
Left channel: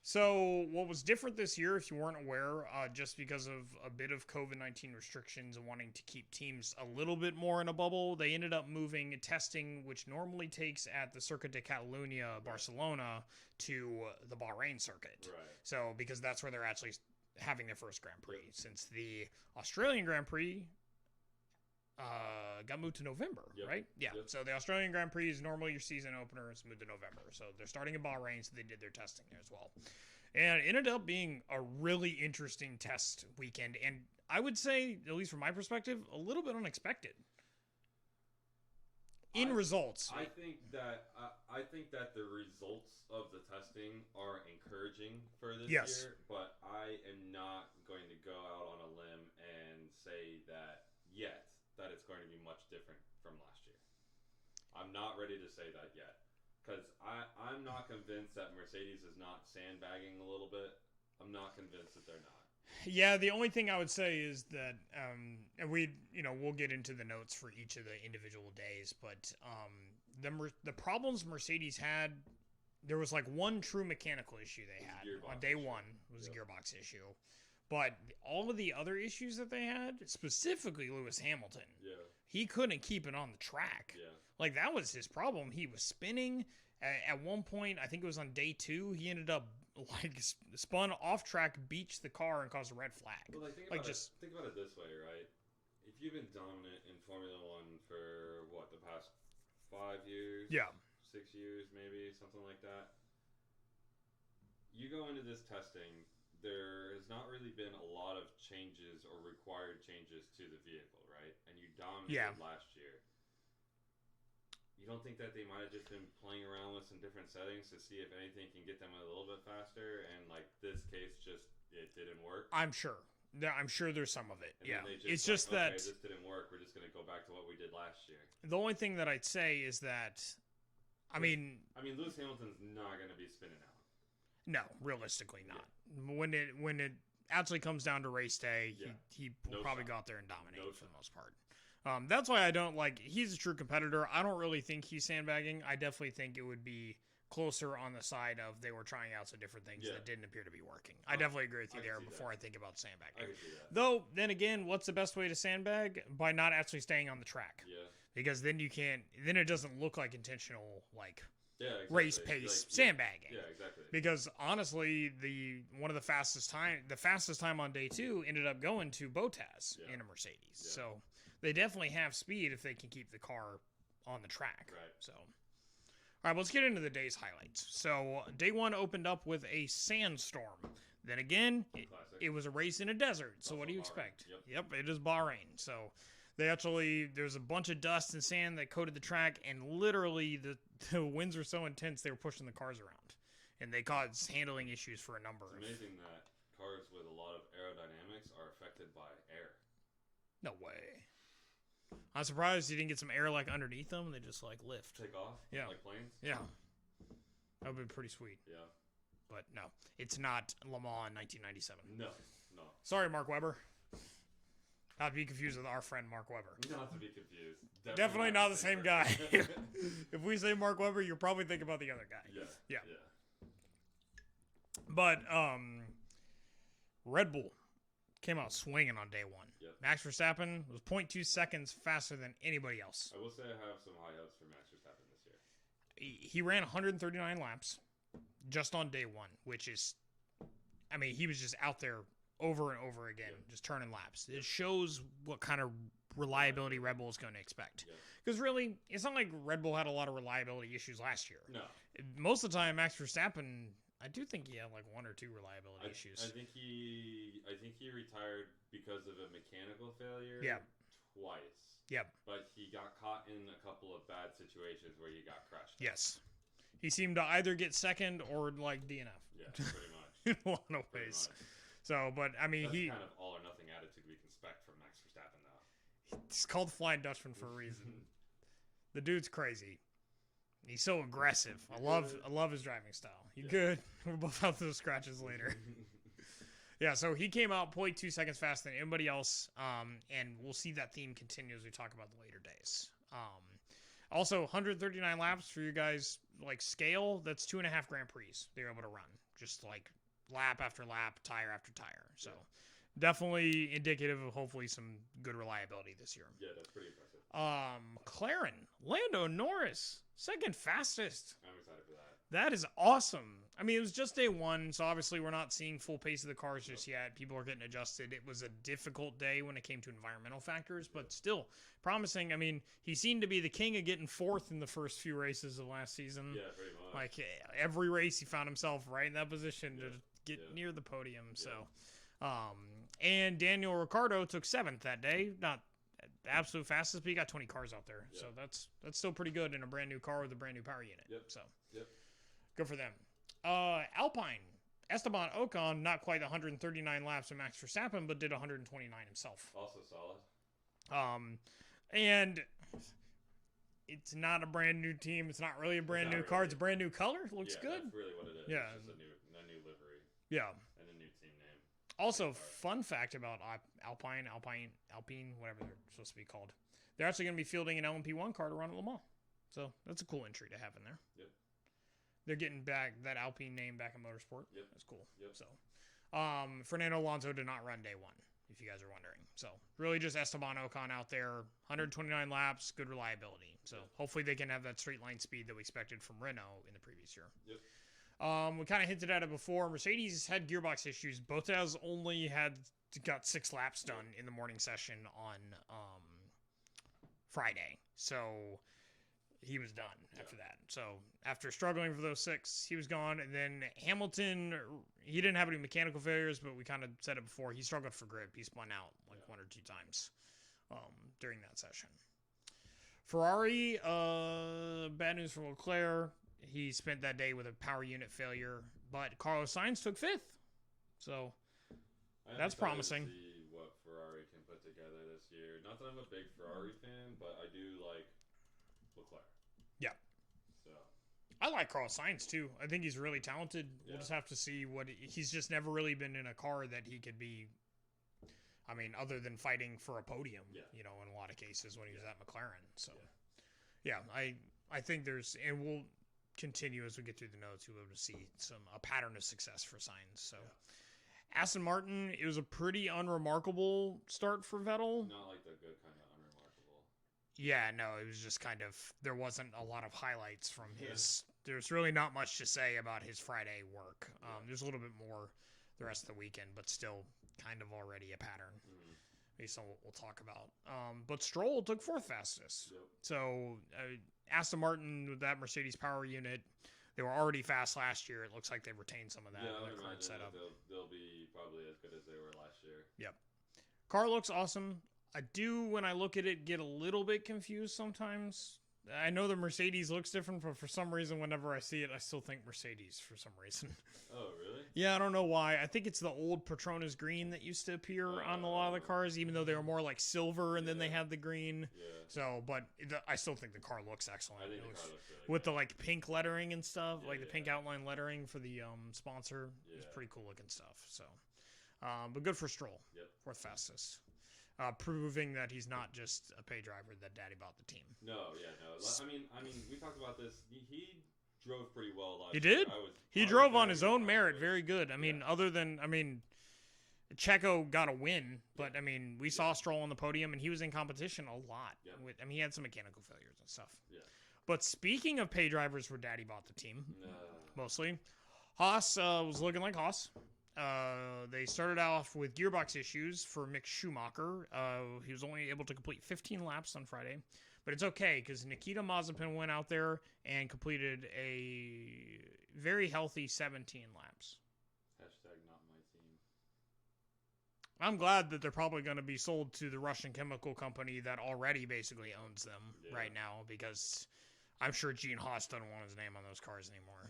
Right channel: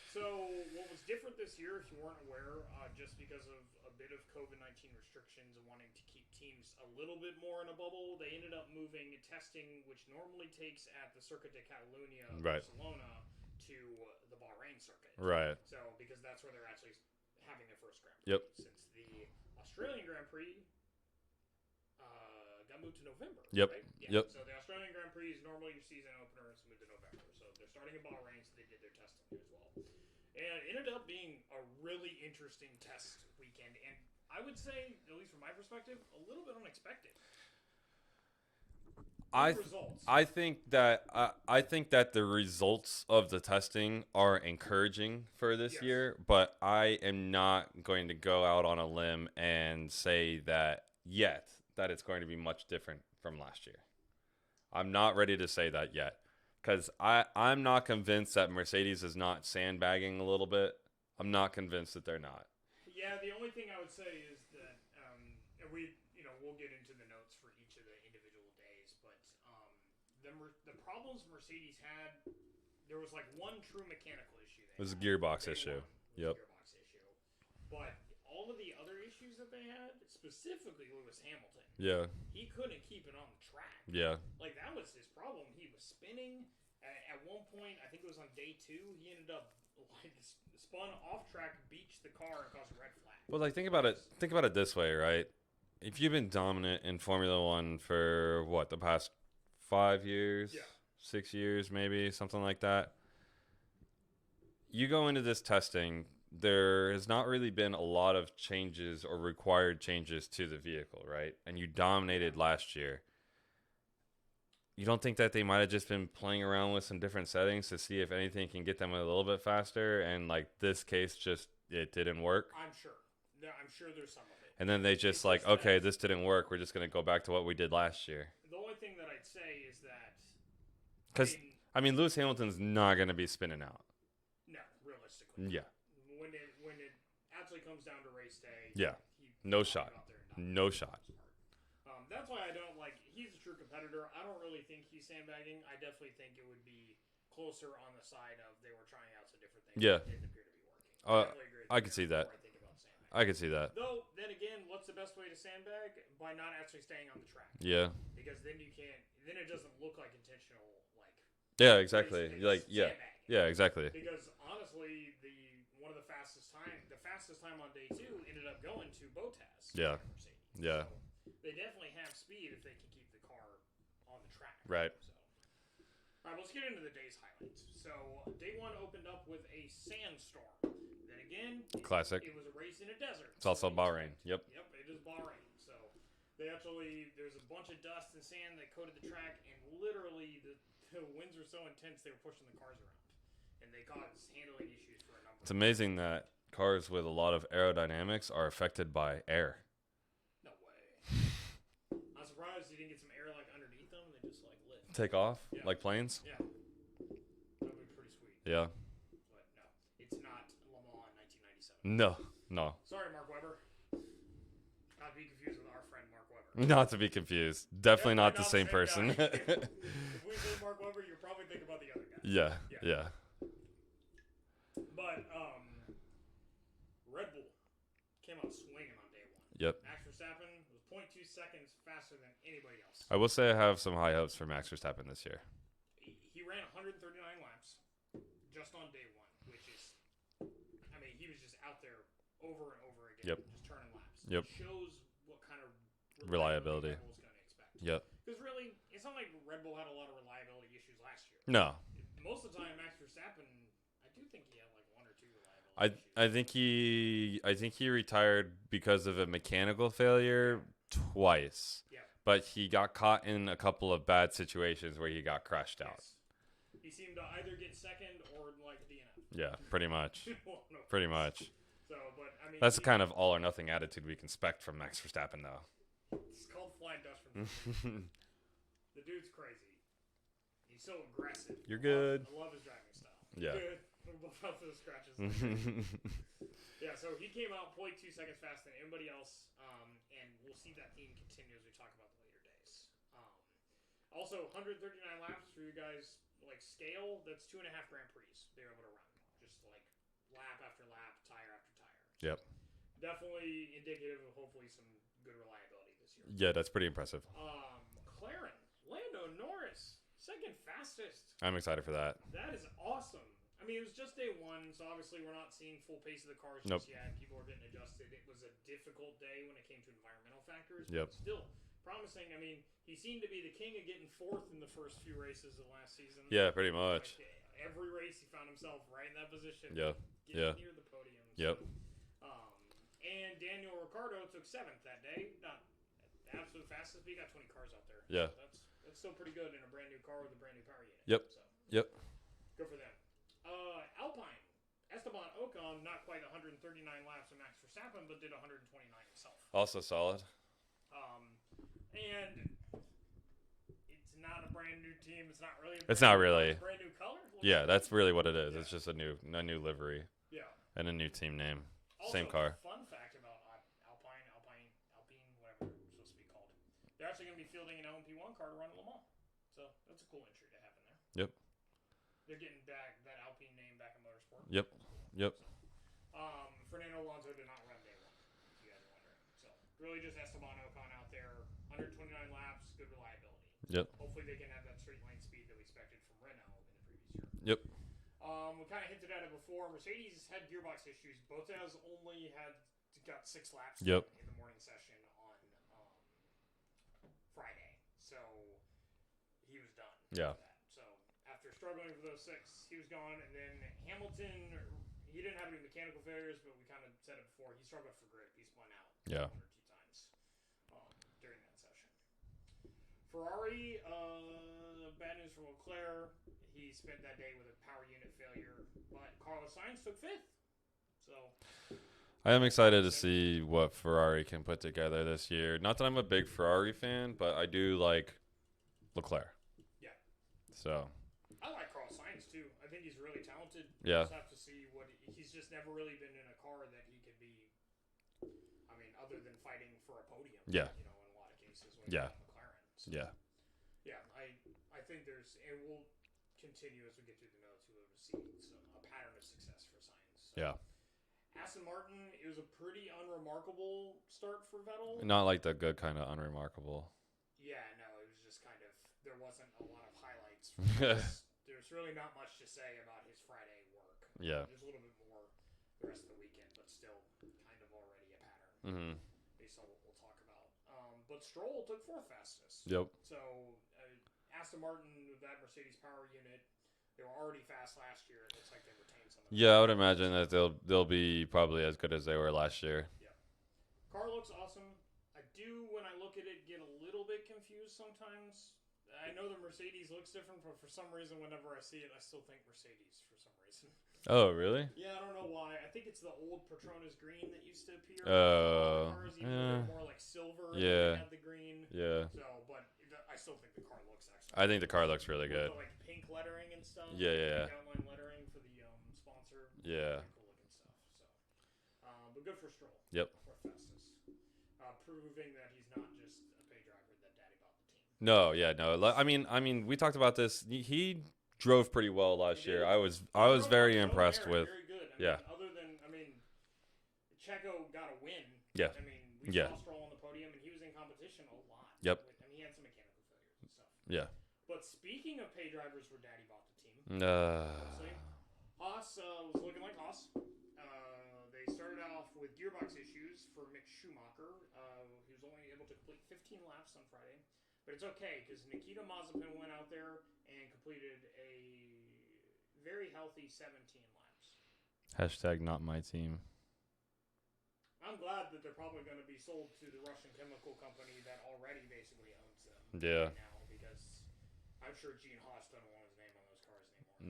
So what was different this year, if you weren't aware, just because of a bit of COVID-19 restrictions and wanting to keep teams a little bit more in a bubble, they ended up moving testing, which normally takes at the Circuit de Catalunya, Barcelona, to the Bahrain circuit. Right. So, because that's where they're actually having their first Grand Prix. Yep. Since the Australian Grand Prix got moved to November, right? Yeah. Yep. So the Australian Grand Prix is normally your season opener. It's moved to November. So they're starting in Bahrain, so they did their testing there as well. And it ended up being a really interesting test weekend. And I would say, at least from my perspective, a little bit unexpected. Results. I think that the results of the testing are encouraging for this year, but I am not going to go out on a limb and say that yet that it's going to be much different from last year. I'm not ready to say that yet because I'm not convinced that Mercedes is not sandbagging a little bit. I'm not convinced that they're not. Yeah, the only thing I would say is that, and we'll get into the notes for each of the individual days, but the problems Mercedes had, there was like one true mechanical issue they had. It was a gearbox issue. Day one was a gearbox issue. But all of the other issues that they had, specifically Lewis Hamilton, he couldn't keep it on the track. Yeah. Like, that was his problem. He was spinning. At one point, I think it was on day 2, he ended up spun off track, beached the car, and caused a red flag. Well, think about it this way, right? If you've been dominant in Formula One for the past 5 years, 6 years, maybe something like that, you go into this testing. There has not really been a lot of changes or required changes to the vehicle, right? And you dominated last year. You don't think that they might have just been playing around with some different settings to see if anything can get them a little bit faster? And like this case, it didn't work. I'm sure there's some of it. And then they just okay, this didn't work. We're just going to go back to what we did last year. The only thing that I'd say is that, I mean, Lewis Hamilton's not going to be spinning out. No, realistically not. Yeah. When it actually comes down to race day, he no probably shot. Got there and dominated. No shot. That's why I don't like. He's a true competitor. I don't really think he's sandbagging. I definitely think it would be closer on the side of they were trying out some different things that didn't appear to be working. I definitely agree with you. I can see that. Before I think about sandbagging, I can see that. Though, then again, what's the best way to sandbag? By not actually staying on the track. Yeah. Because then you can't. Then it doesn't look like intentional Yeah, exactly. Race pace sandbagging. Yeah, exactly. Because honestly, the fastest time on day 2 ended up going to Bottas in a Mercedes. Yeah. So they definitely have speed if they can keep the car on the track. Right. So, all right, let's get into the day's highlights. So day 1 opened up with a sandstorm. Then again, classic. It was a race in a desert. It's also Bahrain. Yep, it is Bahrain. So there's a bunch of dust and sand that coated the track, and literally the winds were so intense they were pushing the cars around, and they caused handling issues for a number. It's amazing that cars with a lot of aerodynamics are affected by air. No way. I'm surprised you didn't get some air underneath them. They just lift. Take off? Yeah. Like planes? Yeah. That would be pretty sweet. Yeah. But no, it's not Le Mans in 1997. No. Sorry, Mark Webber. Not to be confused with our friend Mark Webber. Not to be confused. Definitely not the same person. If we say Mark Webber, you're probably thinking about the other guy. Yeah. But Red Bull came out swinging on day 1. Yep. Max Verstappen was 0.2 seconds faster than anybody else. I will say I have some high hopes for Max Verstappen this year. He ran 139 laps just on day 1, which is, he was just out there over and over again, just turning laps. It shows what kind of reliability Red Bull is going to expect. Because really, it's not like Red Bull had a lot of reliability issues last year. No. Most of the time, Max Verstappen, I do think he had like 1 or 2 reliability issues. I think he retired because of a mechanical failure twice. Yep. But he got caught in a couple of bad situations where he got crashed out. Yes. He seemed to either get second or like DNF. Yeah, pretty much. Pretty much. So, but I mean, that's kind of all or nothing attitude we can expect from Max Verstappen, though. He's called Flying Dutchman for a reason. The dude's crazy. He's so aggressive. I love his driving style. You're good. We're both out those scratches later. Yeah, so he came out 0.2 seconds faster than anybody else, and we'll see that theme continue as we talk about the later days. Also, 139 laps for you guys, like scale, that's 2.5 Grand Prix they're able to run. Just like lap after lap, tire after tire. So definitely indicative of hopefully some good reliability this year. Yeah, that's pretty impressive. McLaren, Lando Norris, second fastest. I'm excited for that. That is awesome. I mean, it was just day 1, so obviously we're not seeing full pace of the cars just yet. People are getting adjusted. It was a difficult day when it came to environmental factors, but still promising. I mean, he seemed to be the king of getting 4th in the first few races of last season. Yeah, pretty much. Like every race, he found himself right in that position, getting near the podium. So, and Daniel Ricciardo took 7th that day. Not the absolute fastest, but he got 20 cars out there. Yeah, so that's still pretty good in a brand new car with a brand new power unit. Yep. So good for them. Alpine, Esteban Ocon, not quite 139 laps of Max Verstappen, but did 129 himself. Also solid. And it's not a brand new team. It's not really a brand new car. It's a brand new color. Looks good. That's really what it is. Yeah. It's just a new livery. Yeah. And a new team name. Also, same car. Fun fact about Alpine, whatever they're supposed to be called. They're actually going to be fielding an LMP1 car to run at Le Mans. So that's a cool entry to have in there. Yep. They're getting back that Alpine name back in motorsport. Yep. That's cool. Yep. So, Fernando Alonso did not run day 1, if you guys are wondering. So, really just Esteban Ocon out there, 129 laps, good reliability. So hopefully they can have that straight line speed that we expected from Renault in the previous year. Yep. We kind of hinted at it before. Mercedes had gearbox issues. Bottas only got 6 laps done in the morning session on Friday. So, he was done after that. So, after struggling for those 6, he was gone. And then Hamilton, he didn't have any mechanical failures, but we kind of said it before. He struggled for grip. He spun out 1 or 2 times during that session. Ferrari, bad news for Leclerc. He spent that day with a power unit failure, but Carlos Sainz took 5th. So I am excited to see what Ferrari can put together this year. Not that I'm a big Ferrari fan, but I do like Leclerc. Yeah. So I like Carlos Sainz too. I think he's really talented. Yeah. You just have to see he's just never really been in a car that he could be. I mean, other than fighting for a podium. Yeah. You know, in a lot of cases when he was at McLaren. So, yeah. I think and we'll continue as we get through the notes. We'll be able to see a pattern of success for Sainz. So. Yeah. Aston Martin, it was a pretty unremarkable start for Vettel. Not like the good kind of unremarkable. Yeah, no, it was just kind of, there wasn't a lot of highlights from this. There's really not much to say about his Friday work. There's a little bit more the rest of the weekend, but still kind of already a pattern based on what we'll talk about. But Stroll took 4th fastest. Yep. So Aston Martin with that Mercedes power unit, they were already fast last year. It looks like they've retained some of that. Yeah, I would imagine that they'll be probably as good as they were last year. Yep. Car looks awesome. I do, when I look at it, get a little bit confused sometimes. I know the Mercedes looks different, but for some reason, whenever I see it, I still think Mercedes for some reason. Oh, really? Yeah, I don't know why. I think it's the old Petronas green that used to appear on a lot of the cars, even though they were more like silver and then they had the green. Yeah. So, but I still think the car looks excellent. I think the car looks really good. With the like pink lettering and stuff. Yeah, pink outline lettering for the sponsor. Yeah. Pretty cool looking stuff. So, but good for Stroll. Yep. 4th fastest. Proving that he's not just a pay driver that daddy bought the team. No, yeah, no. I mean, we talked about this. He drove pretty well last year. I was very impressed with. Very good. I mean, other than Checo got a win, but we saw Stroll on the podium and he was in competition a lot. Yep. He had some mechanical failures and stuff. Yeah. But speaking of pay drivers where daddy bought the team, mostly, Haas was looking like Haas. They started off with gearbox issues for Mick Schumacher. He was only able to complete 15 laps on Friday, but it's okay because Nikita Mazepin went out there and completed a very healthy 17 laps. Hashtag not my team. I'm glad that they're probably going to be sold to the Russian chemical company that already basically owns them right now, because I'm sure Gene Haas doesn't want his name on those cars anymore.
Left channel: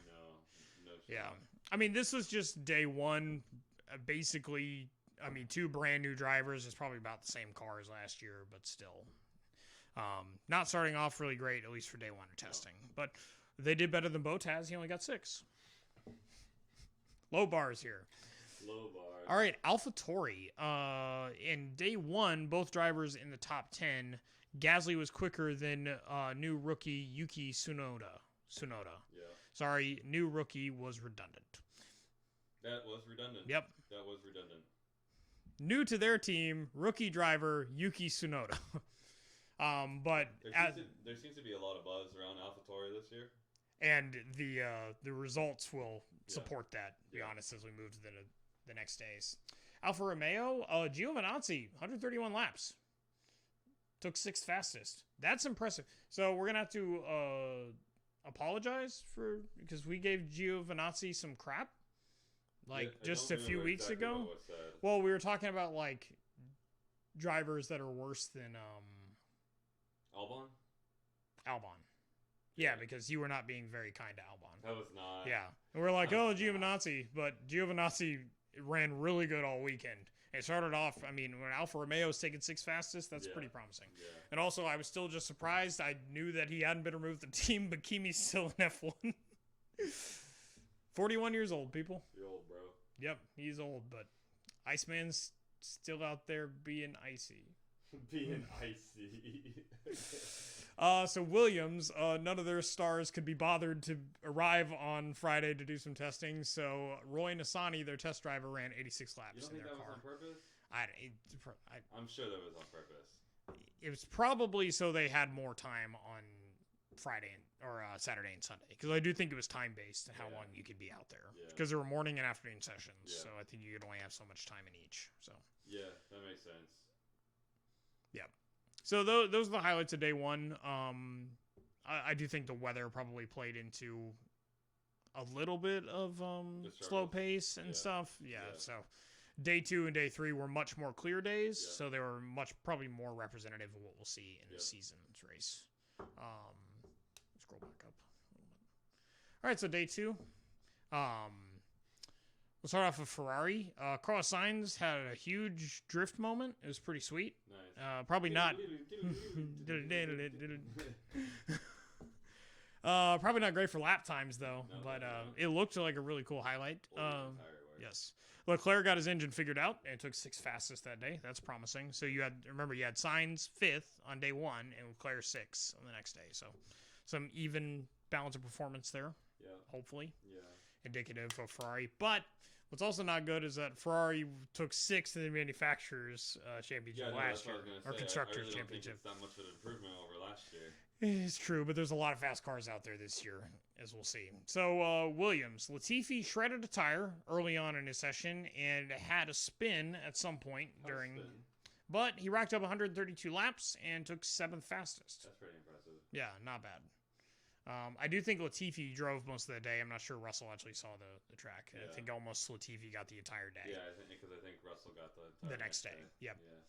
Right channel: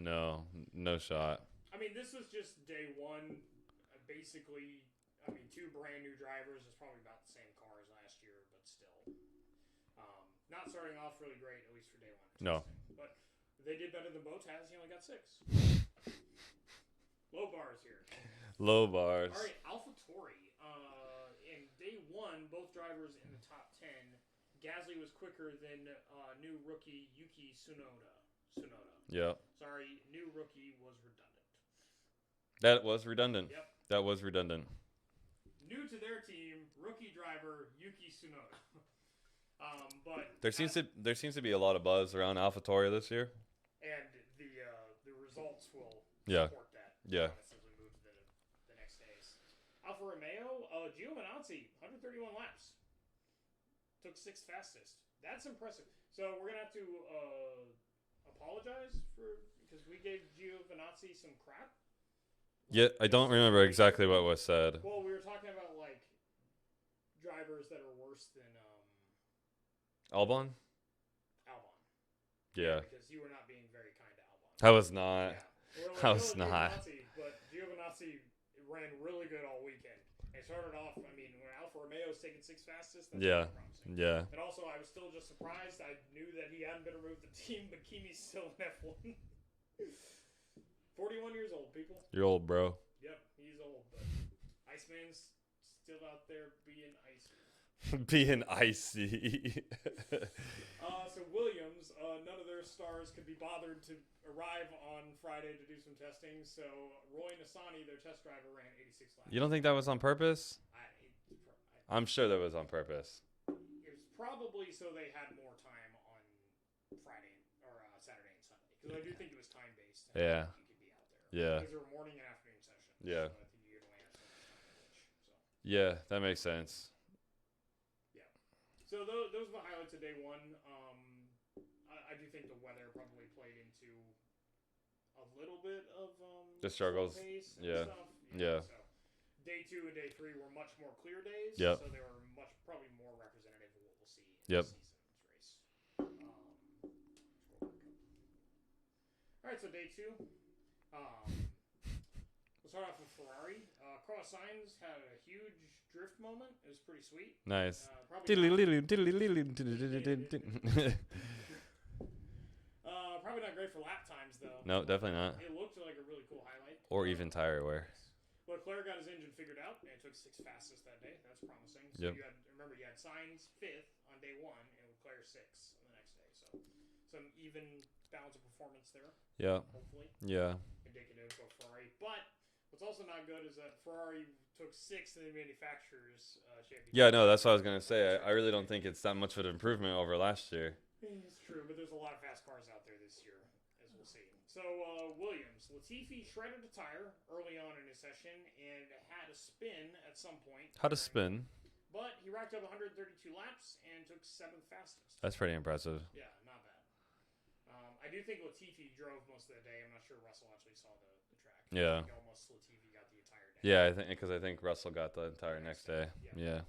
No shot. Yeah. I mean, this was just day one. Basically, I mean, 2 brand new drivers. It's probably about the same car as last year, but still. Not starting off really great, at least for day one of testing. No. But they did better than Bottas. He only got 6. Low bars here. Low bars. All right, AlphaTauri. In day one, both drivers in the top 10. Gasly was quicker than new rookie Yuki Tsunoda. Yeah. Sorry, new rookie was redundant. That was redundant. Yep. That was redundant. New to their team, rookie driver Yuki Tsunoda. But there seems to be a lot of buzz around AlphaTauri this year, and the results will support that. To be honest, as we move to the next days. Alfa Romeo, Giovinazzi, 131 laps. Took 6th fastest. That's impressive. So we're gonna have to apologize because we gave Giovinazzi some crap. I don't remember exactly what was said. Well, we were talking about like drivers that are worse than Albon. Yeah, because you were not being very kind to Albon. I was not. Yeah, and we're like, Giovinazzi, but Giovinazzi ran really good all weekend. It started off, I mean, when Alfa Romeo was taking 6th fastest, that's pretty promising. Yeah. And also, I was still just surprised. I knew that he hadn't been removed from the team, but Kimi's still in F1. 41 years old, people. You're old, bro. Yep, he's old, but Iceman's still out there being icy. Being icy. So Williams, none of their stars could be bothered to arrive on Friday to do some testing. So Roy Nissany, their test driver, ran 86 laps. You don't think that was on purpose? I'm sure that was on purpose. It was probably so they had more time on Friday or Saturday and Sunday, because I do think it was time based. How long you could be out there. Yeah. Because there were morning and afternoon sessions. Yeah. So I think you could only have so much time in each. So. Yeah, that makes sense. Yeah. So those are the highlights of day one. I do think the weather probably played into a little bit of the slow pace and stuff. Yeah. So day 2 and day 3 were much more clear days. Yep. So they were probably more representative of what we'll see in the season's race. Scroll back up. All right, so day 2. We'll start off with Ferrari. Carlos Sainz had a huge drift moment. It was pretty sweet. Nice. Probably not. Probably not great for lap times, though. No, definitely not. It looked like a really cool highlight. Or even tire wear. Yes. Leclerc got his engine figured out and took 6th fastest that day. That's promising. So you had Sainz 5th on day 1 and Leclerc 6th on the next day. So some even balance of performance there. Yeah. Hopefully. Yeah. Indicative of Ferrari. But what's also not good is that Ferrari took 6th in the manufacturers championship. Yeah, no, that's what I was going to say. I really don't think it's that much of an improvement over last year. It's true, but there's a lot of fast cars out there this year, as we'll see. So, Williams. Latifi shredded a tire early on in his session and had a spin at some point. But he racked up 132 laps and took 7th fastest. That's pretty impressive. Yeah, not bad. I do think Latifi drove most of the day. I'm not sure Russell actually saw the track. Yeah. I think almost Latifi got the entire day. Yeah, I think Russell got the entire next day. Yep. Yeah.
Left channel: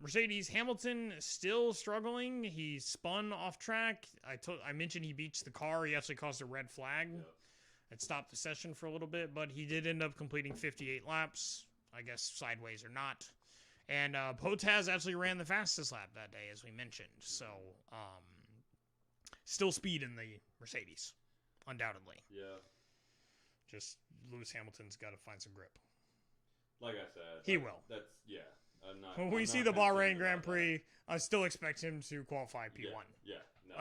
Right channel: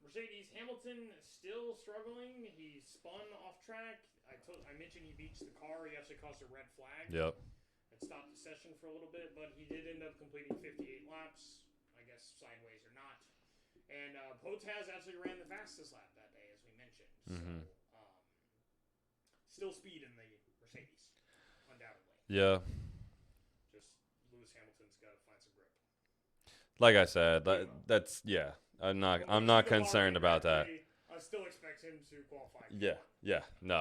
Mercedes Hamilton still struggling. He spun off track. I mentioned he beached the car. He actually caused a red flag. Yep. It stopped the session for a little bit, but he did end up completing 58 laps. I guess sideways or not. And Bottas actually ran the fastest lap that day, as we mentioned. Mm-hmm. So, still speed in the Mercedes, undoubtedly. Yeah. Just Lewis Hamilton's got to find some grip. Like I said, he will. That's I'm not concerned about that. Prix, I still expect him to qualify P1. Yeah. No,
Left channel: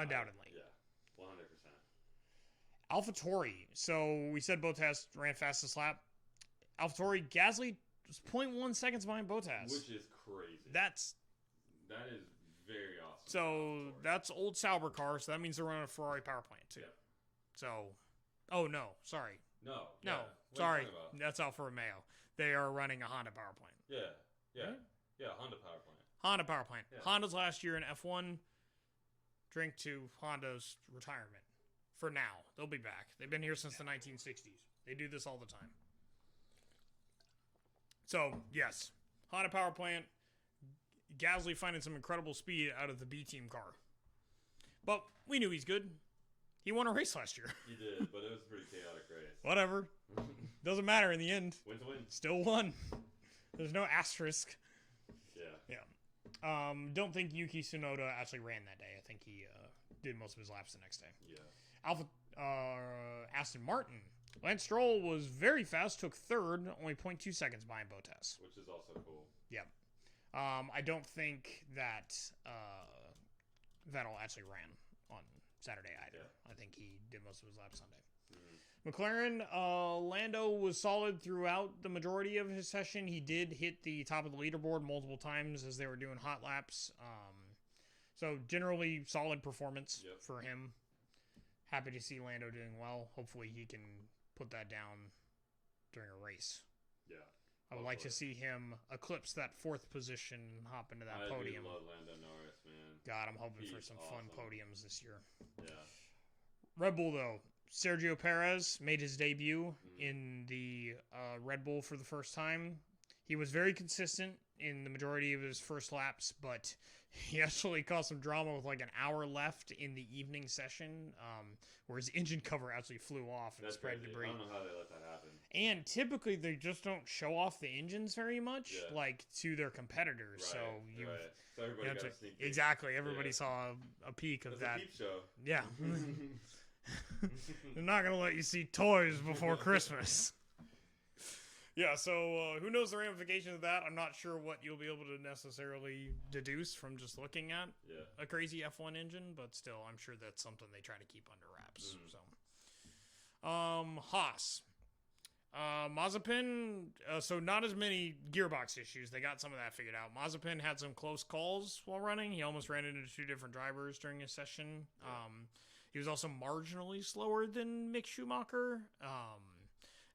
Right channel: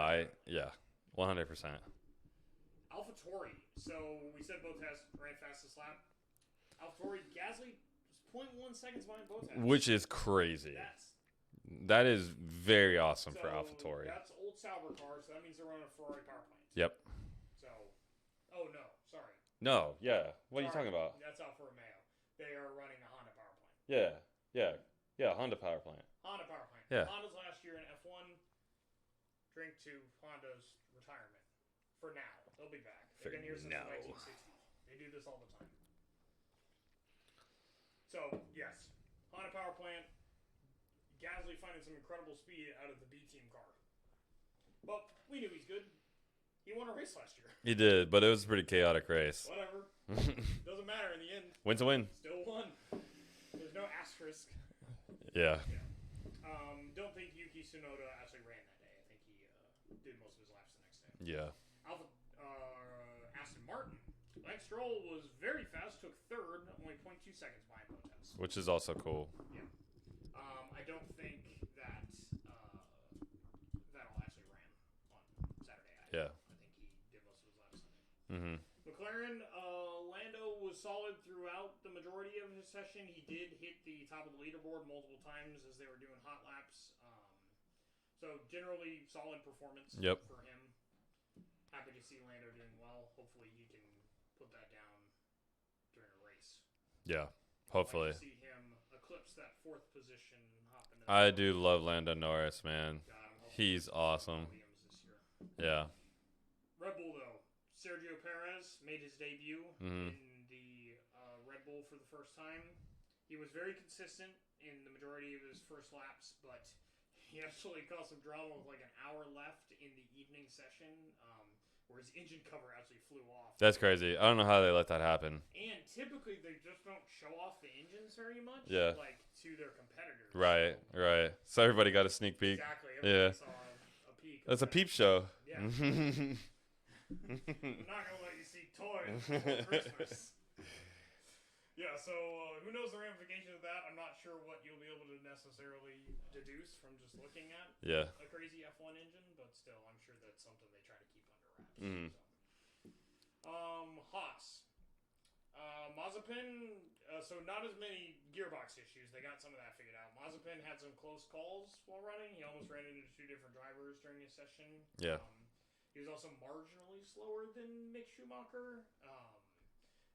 100%. AlphaTauri. So we said Bottas ran fastest lap. AlphaTauri, Gasly was 0.1 seconds behind Bottas, which is crazy. That is very awesome for AlphaTauri. That's old Sauber car, so that means they're running a Ferrari power plant. Yep. So, oh no, sorry. No, yeah. What are you talking about? That's Alfa Romeo. They are running a Honda power plant. Yeah, Honda power plant. Honda power plant. Yeah. Honda's last year in F1 drink to Honda's retirement. For now. They'll be back. They've been here since the 1960s. They do this all the time. So, yes. Honda power plant. Gasly finding some incredible speed out of the B team car. But we knew he's good. He won a race last year. He did, but it was a pretty chaotic race. Whatever. Doesn't matter in the end. Win's a win. Still won. There's no asterisk. Yeah. Don't think Yuki Tsunoda actually ran that day. I think he did most of his laps the next day. Yeah. Aston Martin. Lance Stroll was very fast, took third, only 0.2 seconds behind Bottas. Which is also cool. Yeah. I don't think that Vettel actually ran on Saturday either. Yeah. I think he did most of his laps Sunday. Mm-hmm. McLaren, Lando was solid throughout the majority of his session. He did hit the top of the leaderboard multiple times as they were doing hot laps. So generally solid performance for him. Happy to see Lando doing well. Hopefully he can put that down during a race. Yeah, I'd hopefully. like to see him eclipse that fourth position, hop into that I podium. do love Lando Norris, man. God, I'm hoping he's for some awesome. fun podiums this year. Yeah. Red Bull, though. Sergio Perez made his debut in the Red Bull for the first time. He was very consistent in the majority of his first laps, but he actually caused some drama with like an hour left in the evening session, where his engine cover actually flew off. That's crazy. I don't know how they let that happen. And typically they just don't show off the engines very much, like to their competitors. Right, so, right. So everybody got a sneak peek. Exactly. Everybody saw a peek of That's that. a peep show. Yeah. They're not going to let you see toys before Christmas. Yeah, so who knows the ramifications of that? I'm not sure what you'll be able to necessarily deduce from just looking at a crazy F1 engine, but still, I'm sure that's something they try to keep under wraps. So, Haas. Mazepin, so not as many gearbox issues. They got some of that figured out. Mazepin had some close calls while running. He almost ran into two different drivers during his session. Yeah. He was also marginally slower than Mick Schumacher.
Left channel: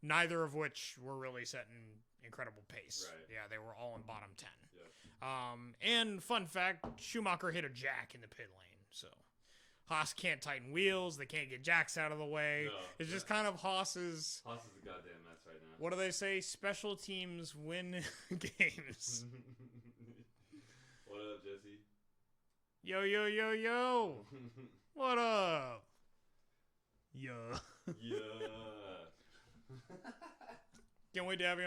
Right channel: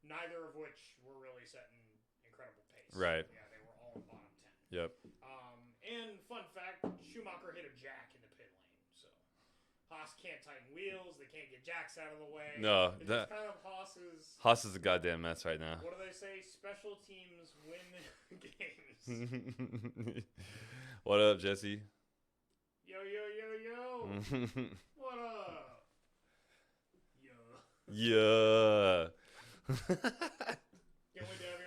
Neither of which were really setting incredible pace. Right. Yeah, they were all in bottom 10. Yep. And fun fact, Schumacher hit a jack in the pit lane. So Haas can't tighten wheels. They can't get jacks out of the way. No. It's just kind of Haas's... Haas is a goddamn mess right now. What do they say? Special teams win games. What up, Jesse? Yo, yo, yo, yo. What up? Yo. Yeah. Can't wait to have you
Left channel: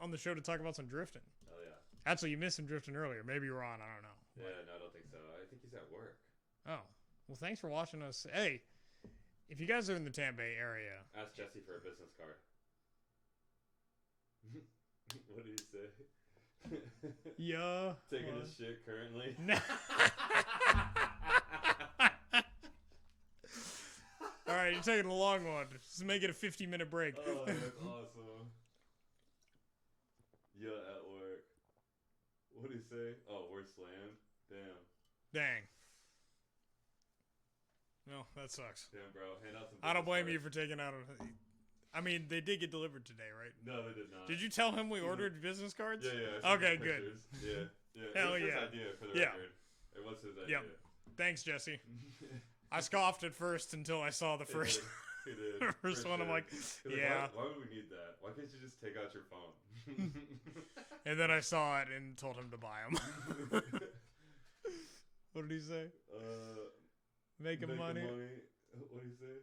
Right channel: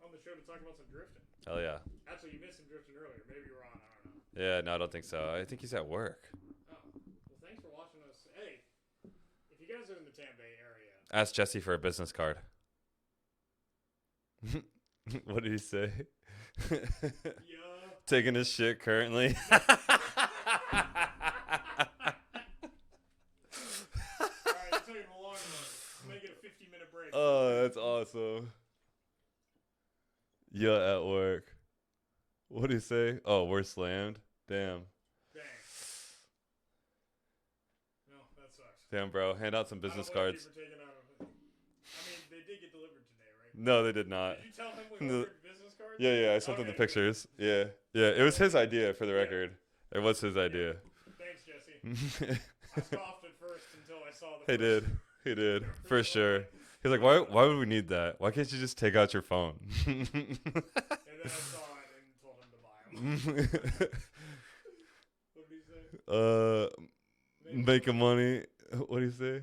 on the show to talk about some drifting. Hell yeah. Actually, you missed some drifting earlier. Maybe you were on. I don't know. Yeah, no, I don't think so. I think he's at work. Oh. Well, thanks for watching us. Hey, if you guys are in the Tampa Bay area. Ask Jesse for a business card. What did he say? Yeah. Taking his shit currently. All right, you're taking a long one. Let's make it a 50-minute break. Oh, that's awesome. Yeah, at work. What did he say? Oh, we're slammed. Damn. Dang. No, that sucks. Damn, bro. Hand out some business cards. I don't blame you for taking out I mean, they did get delivered today, right? No, they did not. Did you tell him we ordered business cards? Yeah, I sent him the pictures. Good. Yeah. It was his idea, for the record. It was his idea. Yep. Thanks, Jesse. I scoffed at first until I saw the first. He did. For sure. He's like, why would we need that? Why can't you just take out your phone? And then I saw it and told him to buy them. What did he say? Making money. What did he say?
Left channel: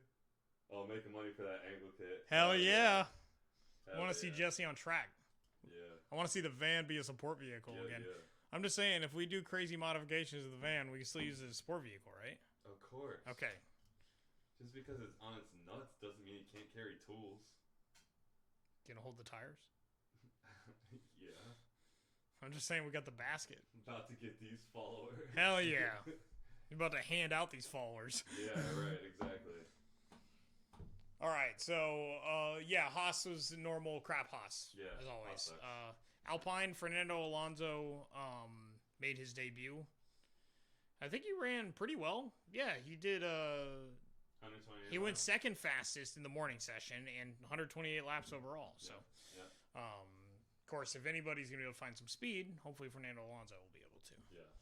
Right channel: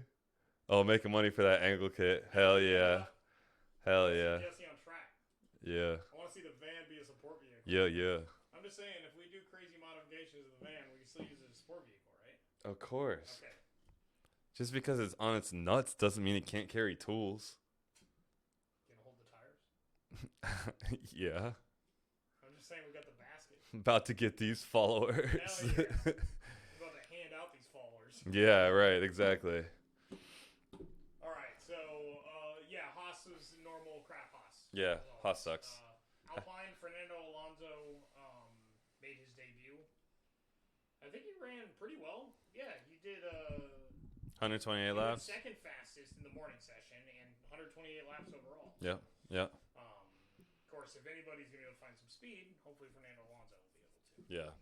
Oh, making money for that angle kit. Hell yeah. Hell I want to yeah. see Jesse on track. Yeah. I want to see the van be a support vehicle. Yeah. I'm just saying, if we do crazy modifications of the van, we can still use it as a support vehicle, right? Of course. Okay. Just because it's on its nuts doesn't mean it can't carry tools. Gonna hold the tires? Yeah. I'm just saying we got the basket. About to get these followers. Hell yeah. I'm about to hand out these followers. Yeah, right. Exactly. All right. So, Haas was normal crap Haas. Yeah, Haas sucks. Alpine, Fernando Alonso made his debut. I think he ran pretty well. Yeah, he did 128 laps. He went second fastest in the morning session and 128 laps overall. So, yeah. Of course, if anybody's going to be able to find some speed, hopefully Fernando Alonso will be able to. Yeah.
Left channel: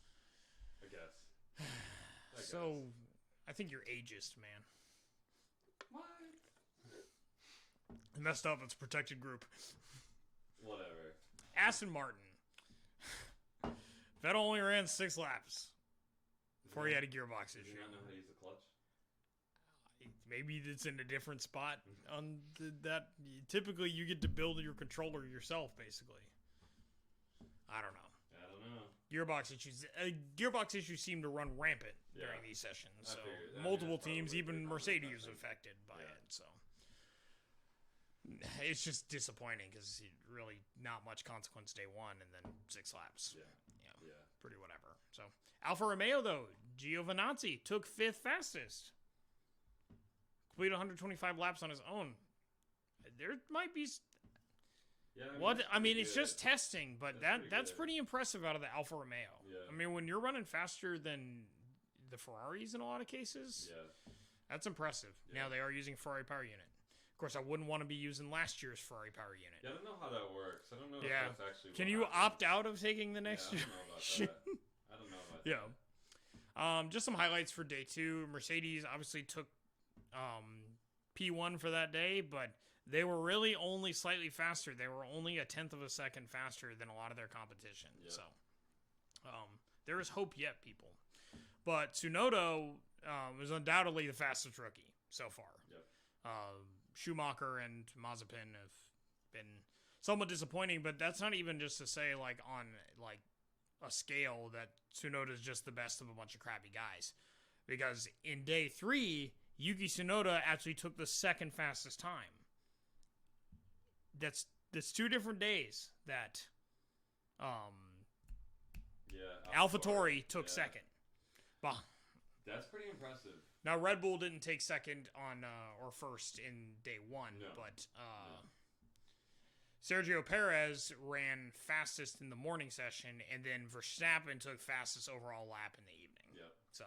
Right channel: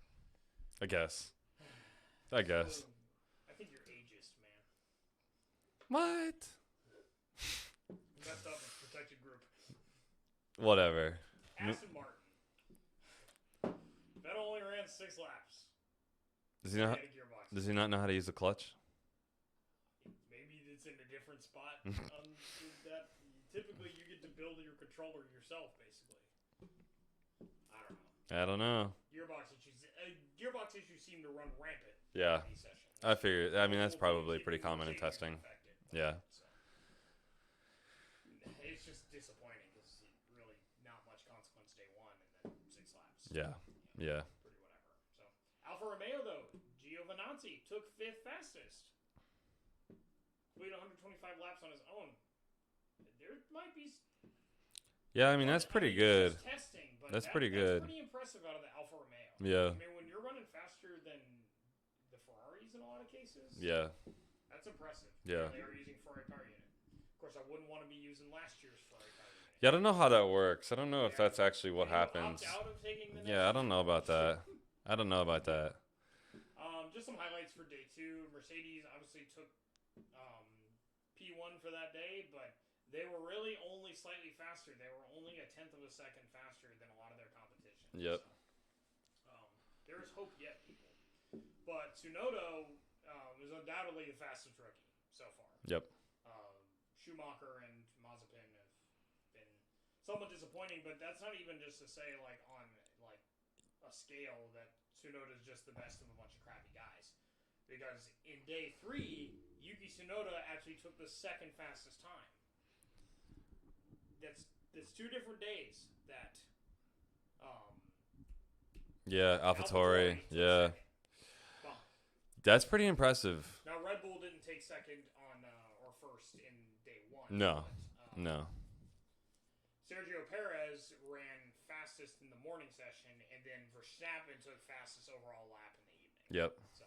I guess. So, I think you're ageist, man. What? Messed up. It's a protected group. Whatever. Aston Martin. Vettel only ran 6 laps. Does he had a gearbox. Does he not know how to use the clutch? Maybe it's in a different spot on that. Typically, you get to build your controller yourself, basically. I don't know. Gearbox issues seem to run rampant in these sessions. I figure. I mean, that's probably pretty common in Mercedes testing. Affected by it, so it's just disappointing because really not much consequence day 1 and then 6 laps. Yeah. Pretty whatever. So Alfa Romeo though, Giovinazzi took 5th fastest. Completed 125 laps on his own. There might be. Yeah, I mean, that's pretty good. It's just testing, but that's pretty impressive out of the Alfa Romeo. Yeah. I mean, when you're running faster than the Ferraris in a lot of cases, that's impressive. Yeah. They are using Ferrari power unit. Of course, I wouldn't want to be using last year's Ferrari power unit. Yeah, I don't know how that works. I don't know if that's actually what happens. Can you opt out of taking the next? Yeah, I don't know about that. I don't know about that. Just some highlights for day 2. Mercedes obviously took P1 for that day, but they were really only slightly faster. They were only a 1/10 of a second faster than a lot of their competition. Yep. So, there is hope yet, people. But Tsunoda was undoubtedly the fastest rookie so far. Yep. Schumacher and Mazepin have been somewhat disappointing, but that's not even just to say like on like a scale that Tsunoda is just the best of a bunch of crappy guys. Because in day 3, Yuki Tsunoda actually took the 2nd fastest time. That's 2 different days that AlphaTauri took 2nd. Well, that's pretty impressive. Now Red Bull didn't take 2nd on or 1st in day 1. No. But, no. Sergio Perez ran fastest in the morning session, and then Verstappen took fastest overall lap in the evening. Yep. So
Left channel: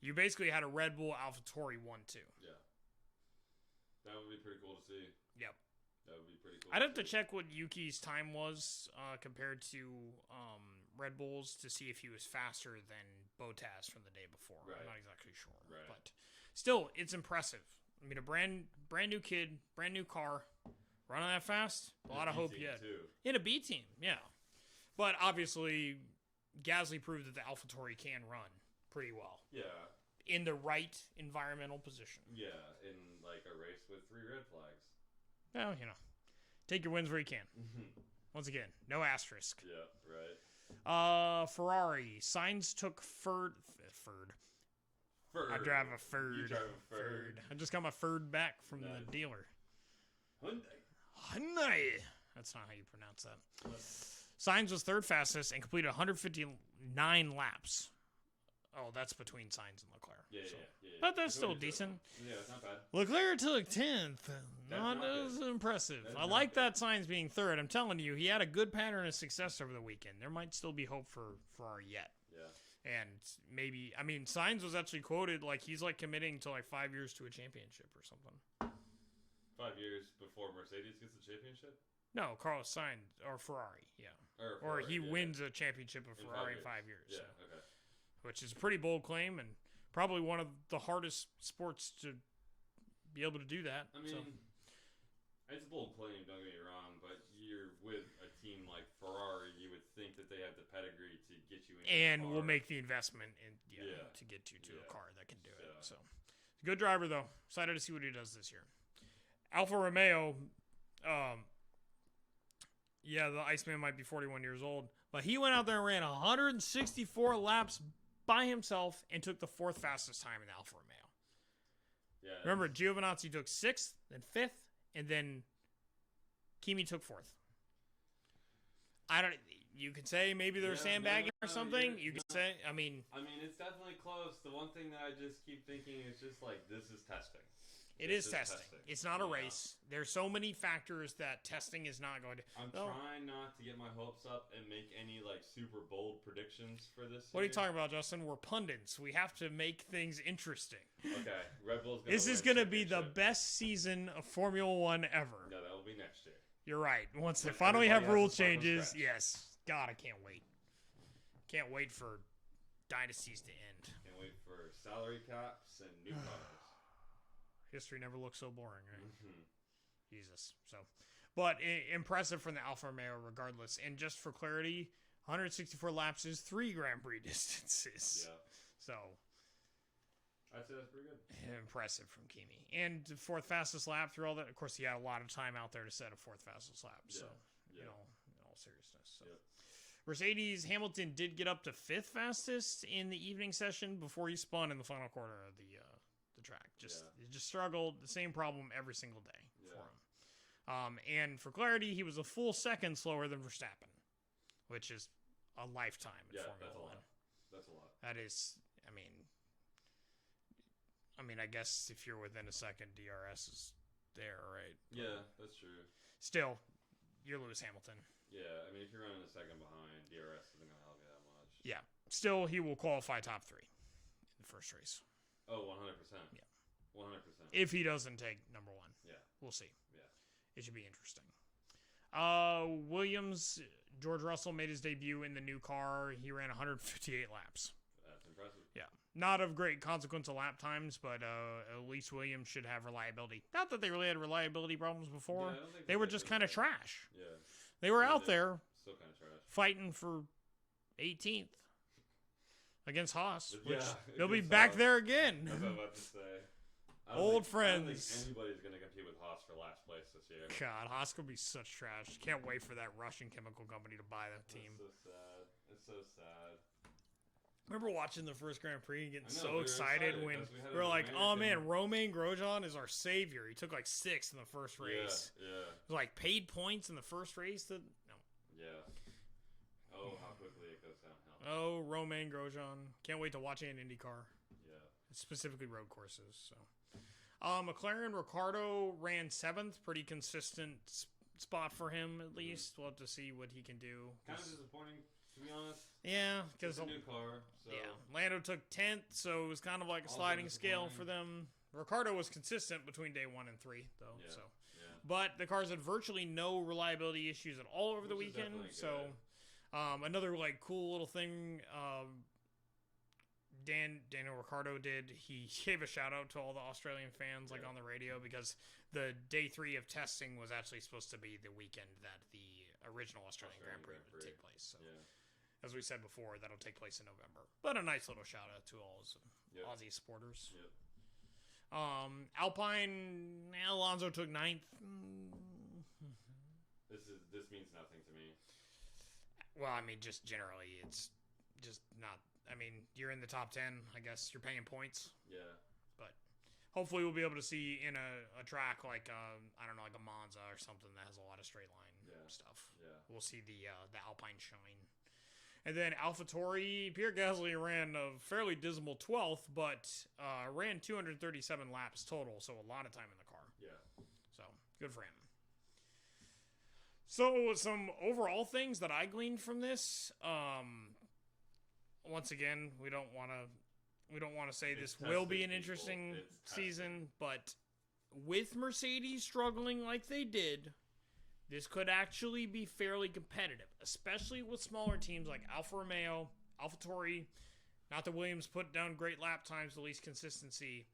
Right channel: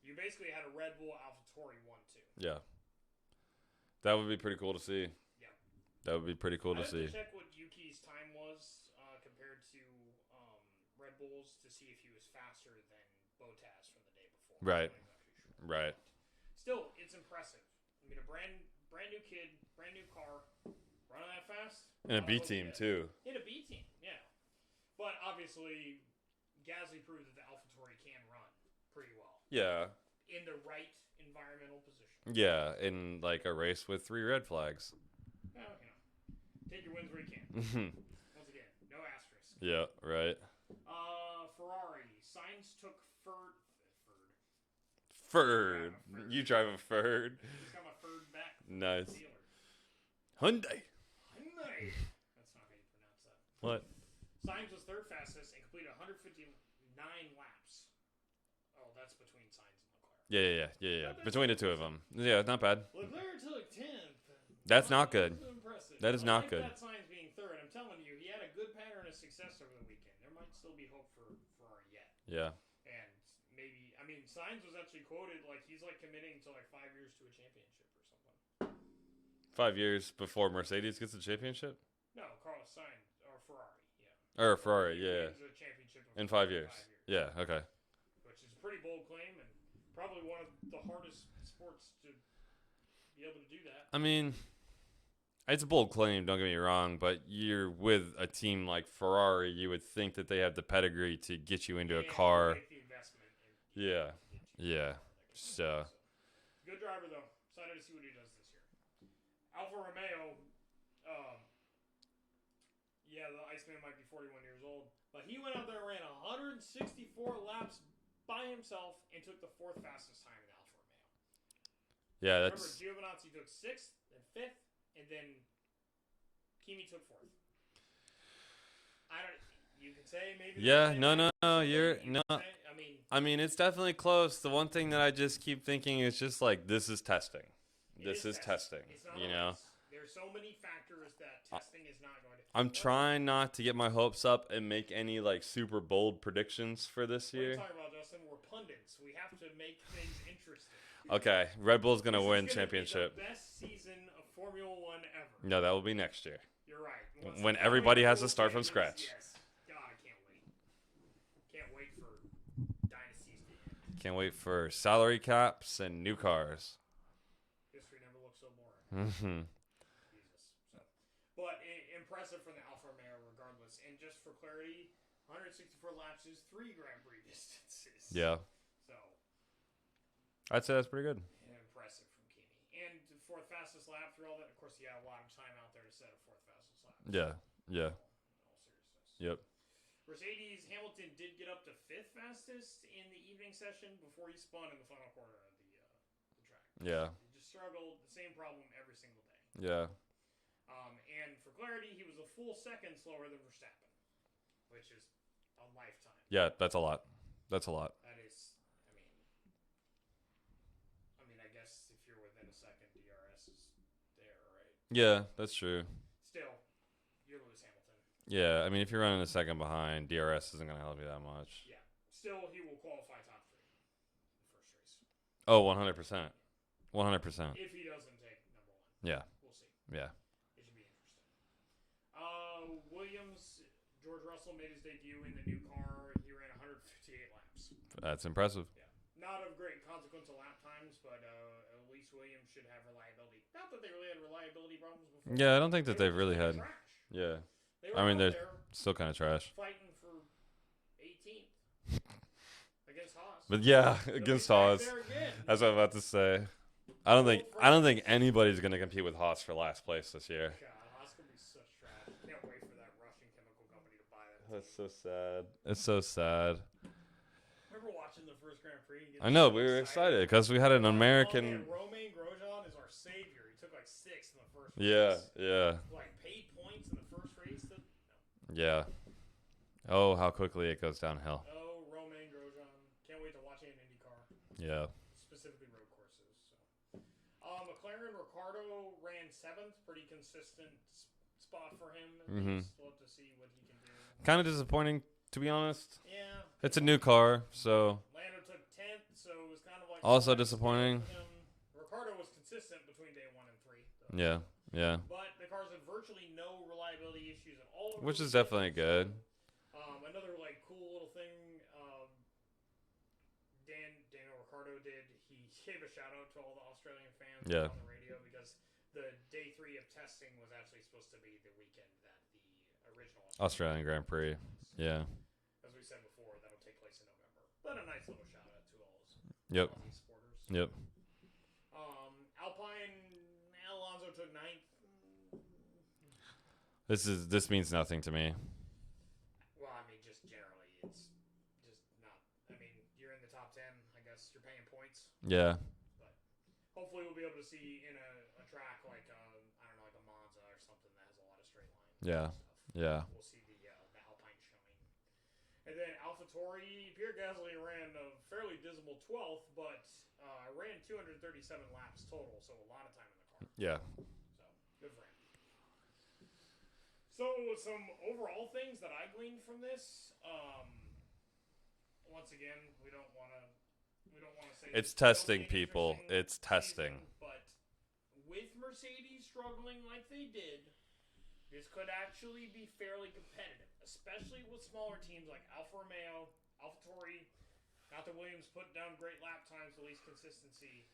you basically had a Red Bull AlphaTauri 1-2. Yeah. That would be pretty cool to see. Yep. That would be pretty cool to see. I'd have to check what Yuki's time was compared to Red Bull's to see if he was faster than Bottas from the day before. Right. I'm not exactly sure. Right. But still, it's impressive. I mean, a brand new kid, brand new car, running that fast. In a B team, too. In a B team, yeah. But obviously, Gasly proved that the AlphaTauri can run pretty well. Yeah. In the right environmental position. Yeah, in like a race with 3 red flags. Well, take your wins where you can. Once again, no asterisk. Yeah, right. Ferrari. Sainz took Ferd. Ferd. I drive a Ferd. You drive a Ferd. I just got my Ferd back from the dealer. Hyundai. That's not how you pronounce that. What? Sainz was 3rd fastest and completed 159 laps. Oh, that's between Sainz and Leclerc. Yeah. Between the 2 of them. Yeah, not bad. Leclerc took 10th. That's not good. That's impressive. That is I not like good. that Sainz being 3rd. I'm telling you, he had a good pattern of success over the weekend. There might still be hope for Ferrari yet. Yeah. And maybe, I mean, Sainz was actually quoted like he's like committing to like 5 years to a championship or something. 5 years before Mercedes gets the championship? No, Carlos Sainz or Ferrari, yeah. Or Ferrari, he wins a championship in Ferrari 5 years. In 5 years. Yeah, okay. Which is a pretty bold claim and probably one of the hardest sports to be able to do that. I mean, it's a bold claim, don't get me wrong, but you're with a team like Ferrari, you would think that they have the pedigree to get you into a car. And make the investment in, to get you to a car that can do it. So, good driver, though. Excited to see what he does this year. Alfa Romeo, the Iceman might be 41 years old, but he went out there and ran 164 laps by himself and took the 4th fastest time in the Alfa Romeo. Yeah, remember, Giovinazzi took 6th, then 5th, and then Kimi took 4th. You can say maybe they're saying I mean, it's definitely close. The one thing that I just keep thinking is just like, this is testing. This is testing. It's not a race. There's so many factors that testing is not going to. I'm trying not to get my hopes up and make any like super bold predictions for this year. What are you talking about, Justin? We're pundits. We have to make things interesting. Okay, Red Bull's going to win championship. This is going to be the best season of Formula One ever. No, that will be next year. You're right. When everybody has to start from scratch. Yes. God, I can't wait. Can't wait for dynasties to end. Can't wait for salary caps and new cars. History never looks so boring. Right? Jesus. So, but impressive from the Alfa Romeo regardless. And just for clarity, 164 laps is 3 Grand Prix distances. Yeah. So, I'd say that's pretty good. Impressive from Kimi. And 4th fastest lap through all that. Of course, he had a lot of time out there to set a 4th fastest lap. Yeah. Yeah. In all seriousness. Yep. Mercedes Hamilton did get up to 5th fastest in the evening session before he spun in the final quarter of the track. He just struggled. The same problem every single day. Yeah. And for clarity, he was a full second slower than Verstappen, which is a lifetime. Yeah, that's a lot. That's a lot. That is, I mean, I guess if you're within a second, DRS is there, right? Yeah, that's true. Still, you lose Hamilton. Yeah, I mean, if you're running a second behind, DRS isn't going to help you that much. Yeah. Still, he will qualify top 3 in the first race. Oh, 100%. Yeah. 100%. If he doesn't take number 1. Yeah. We'll see. Yeah. It should be interesting. Williams, George Russell made his debut in the new car. He ran 158 laps. That's impressive. Yeah. Not of great consequence of lap times, but at least Williams should have reliability. Not that they really had reliability problems before. Yeah, I don't think that they were really kind had. of trash. Yeah. They were out there still kind of trash, fighting for 18th against Haas. But yeah, They'll against be back Haas. there again. That's what I'm about to say. I don't think anybody's gonna compete with Haas for last place this year. God, Haas could be such trash. Can't wait for that Russian chemical company to buy that team. That's so sad. It's so sad. Remember watching the first Grand Prix? I know, we were excited because we had an American. Oh man, Romain Grosjean is our savior. He took like 6th in the first race. Yeah. Like paid points in the first race. Yeah. Oh, how quickly it goes downhill. Oh, Romain Grosjean. Can't wait to watch it in IndyCar. Yeah. Specifically road courses. So, McLaren Ricciardo ran 7th. Pretty consistent spot for him at least. We'll have to see what he can do. Kind of disappointing, to be honest. Yeah. It's a new car, so. Yeah. Lando took 10th, so it was kind of like also disappointing for them. Ricciardo was consistent between day 1 and 3, though. Yeah. So. Yeah. But the cars had virtually no reliability issues at all. Which is definitely good. So, another like cool little thing Daniel Ricciardo did. He gave a shout out to all the Australian fans on the radio because the day 3 of testing was actually supposed to be the weekend that the original Australian Grand Prix took place. So, yeah. As we said before, that'll take place in November. But a nice little shout out to all Aussie supporters. Yep. Alpine, Alonso took 9th. This means nothing to me. Well, I mean, just generally, it's just not. I mean, you're in the top 10. I guess you're paying points. Yeah. But hopefully, we'll be able to see in a track like I don't know, like a Monza or something that has a lot of straight line stuff. Yeah. We'll see the Alpine showing. And then AlphaTauri, Pierre Gasly ran a fairly dismal 12th, but ran 237 laps total, so a lot of time in the car. Yeah. So, good for him. So, some overall things that I gleaned from this. Once again, we don't want to say it's this will testing, be an people. It's testing. Season, but with Mercedes struggling like they did, this could actually be fairly competitive, especially with smaller teams like Alfa Romeo, AlphaTauri. Not that Williams put down great lap times, the least consistency.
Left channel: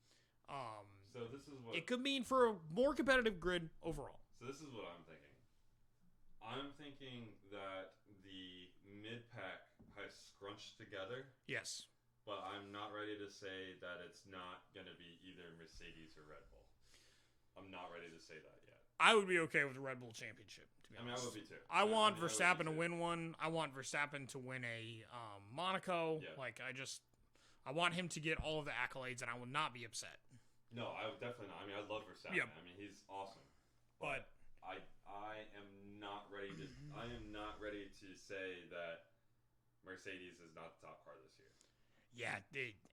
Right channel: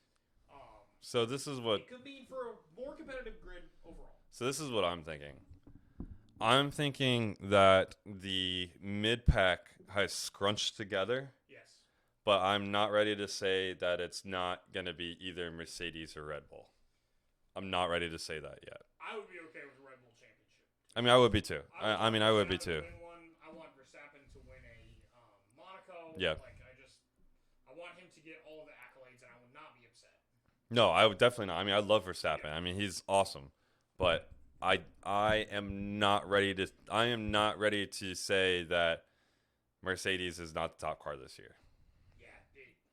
So this is what it could mean for a more competitive grid overall. So this is what I'm thinking. I'm thinking that the mid-pack has scrunched together. Yes. But I'm not ready to say that it's not going to be either Mercedes or Red Bull. I'm not ready to say that yet. I would be okay with the Red Bull Championship. I mean, I would be too. I would be too. To win one. I want Verstappen to win a Monaco. Yeah. I want him to get all of the accolades, and I will not be upset. No, I would definitely not. I mean, I love Verstappen. Yeah. I mean, he's awesome, but I am not ready to. I am not ready to say that Mercedes is not the top car this year. Yeah,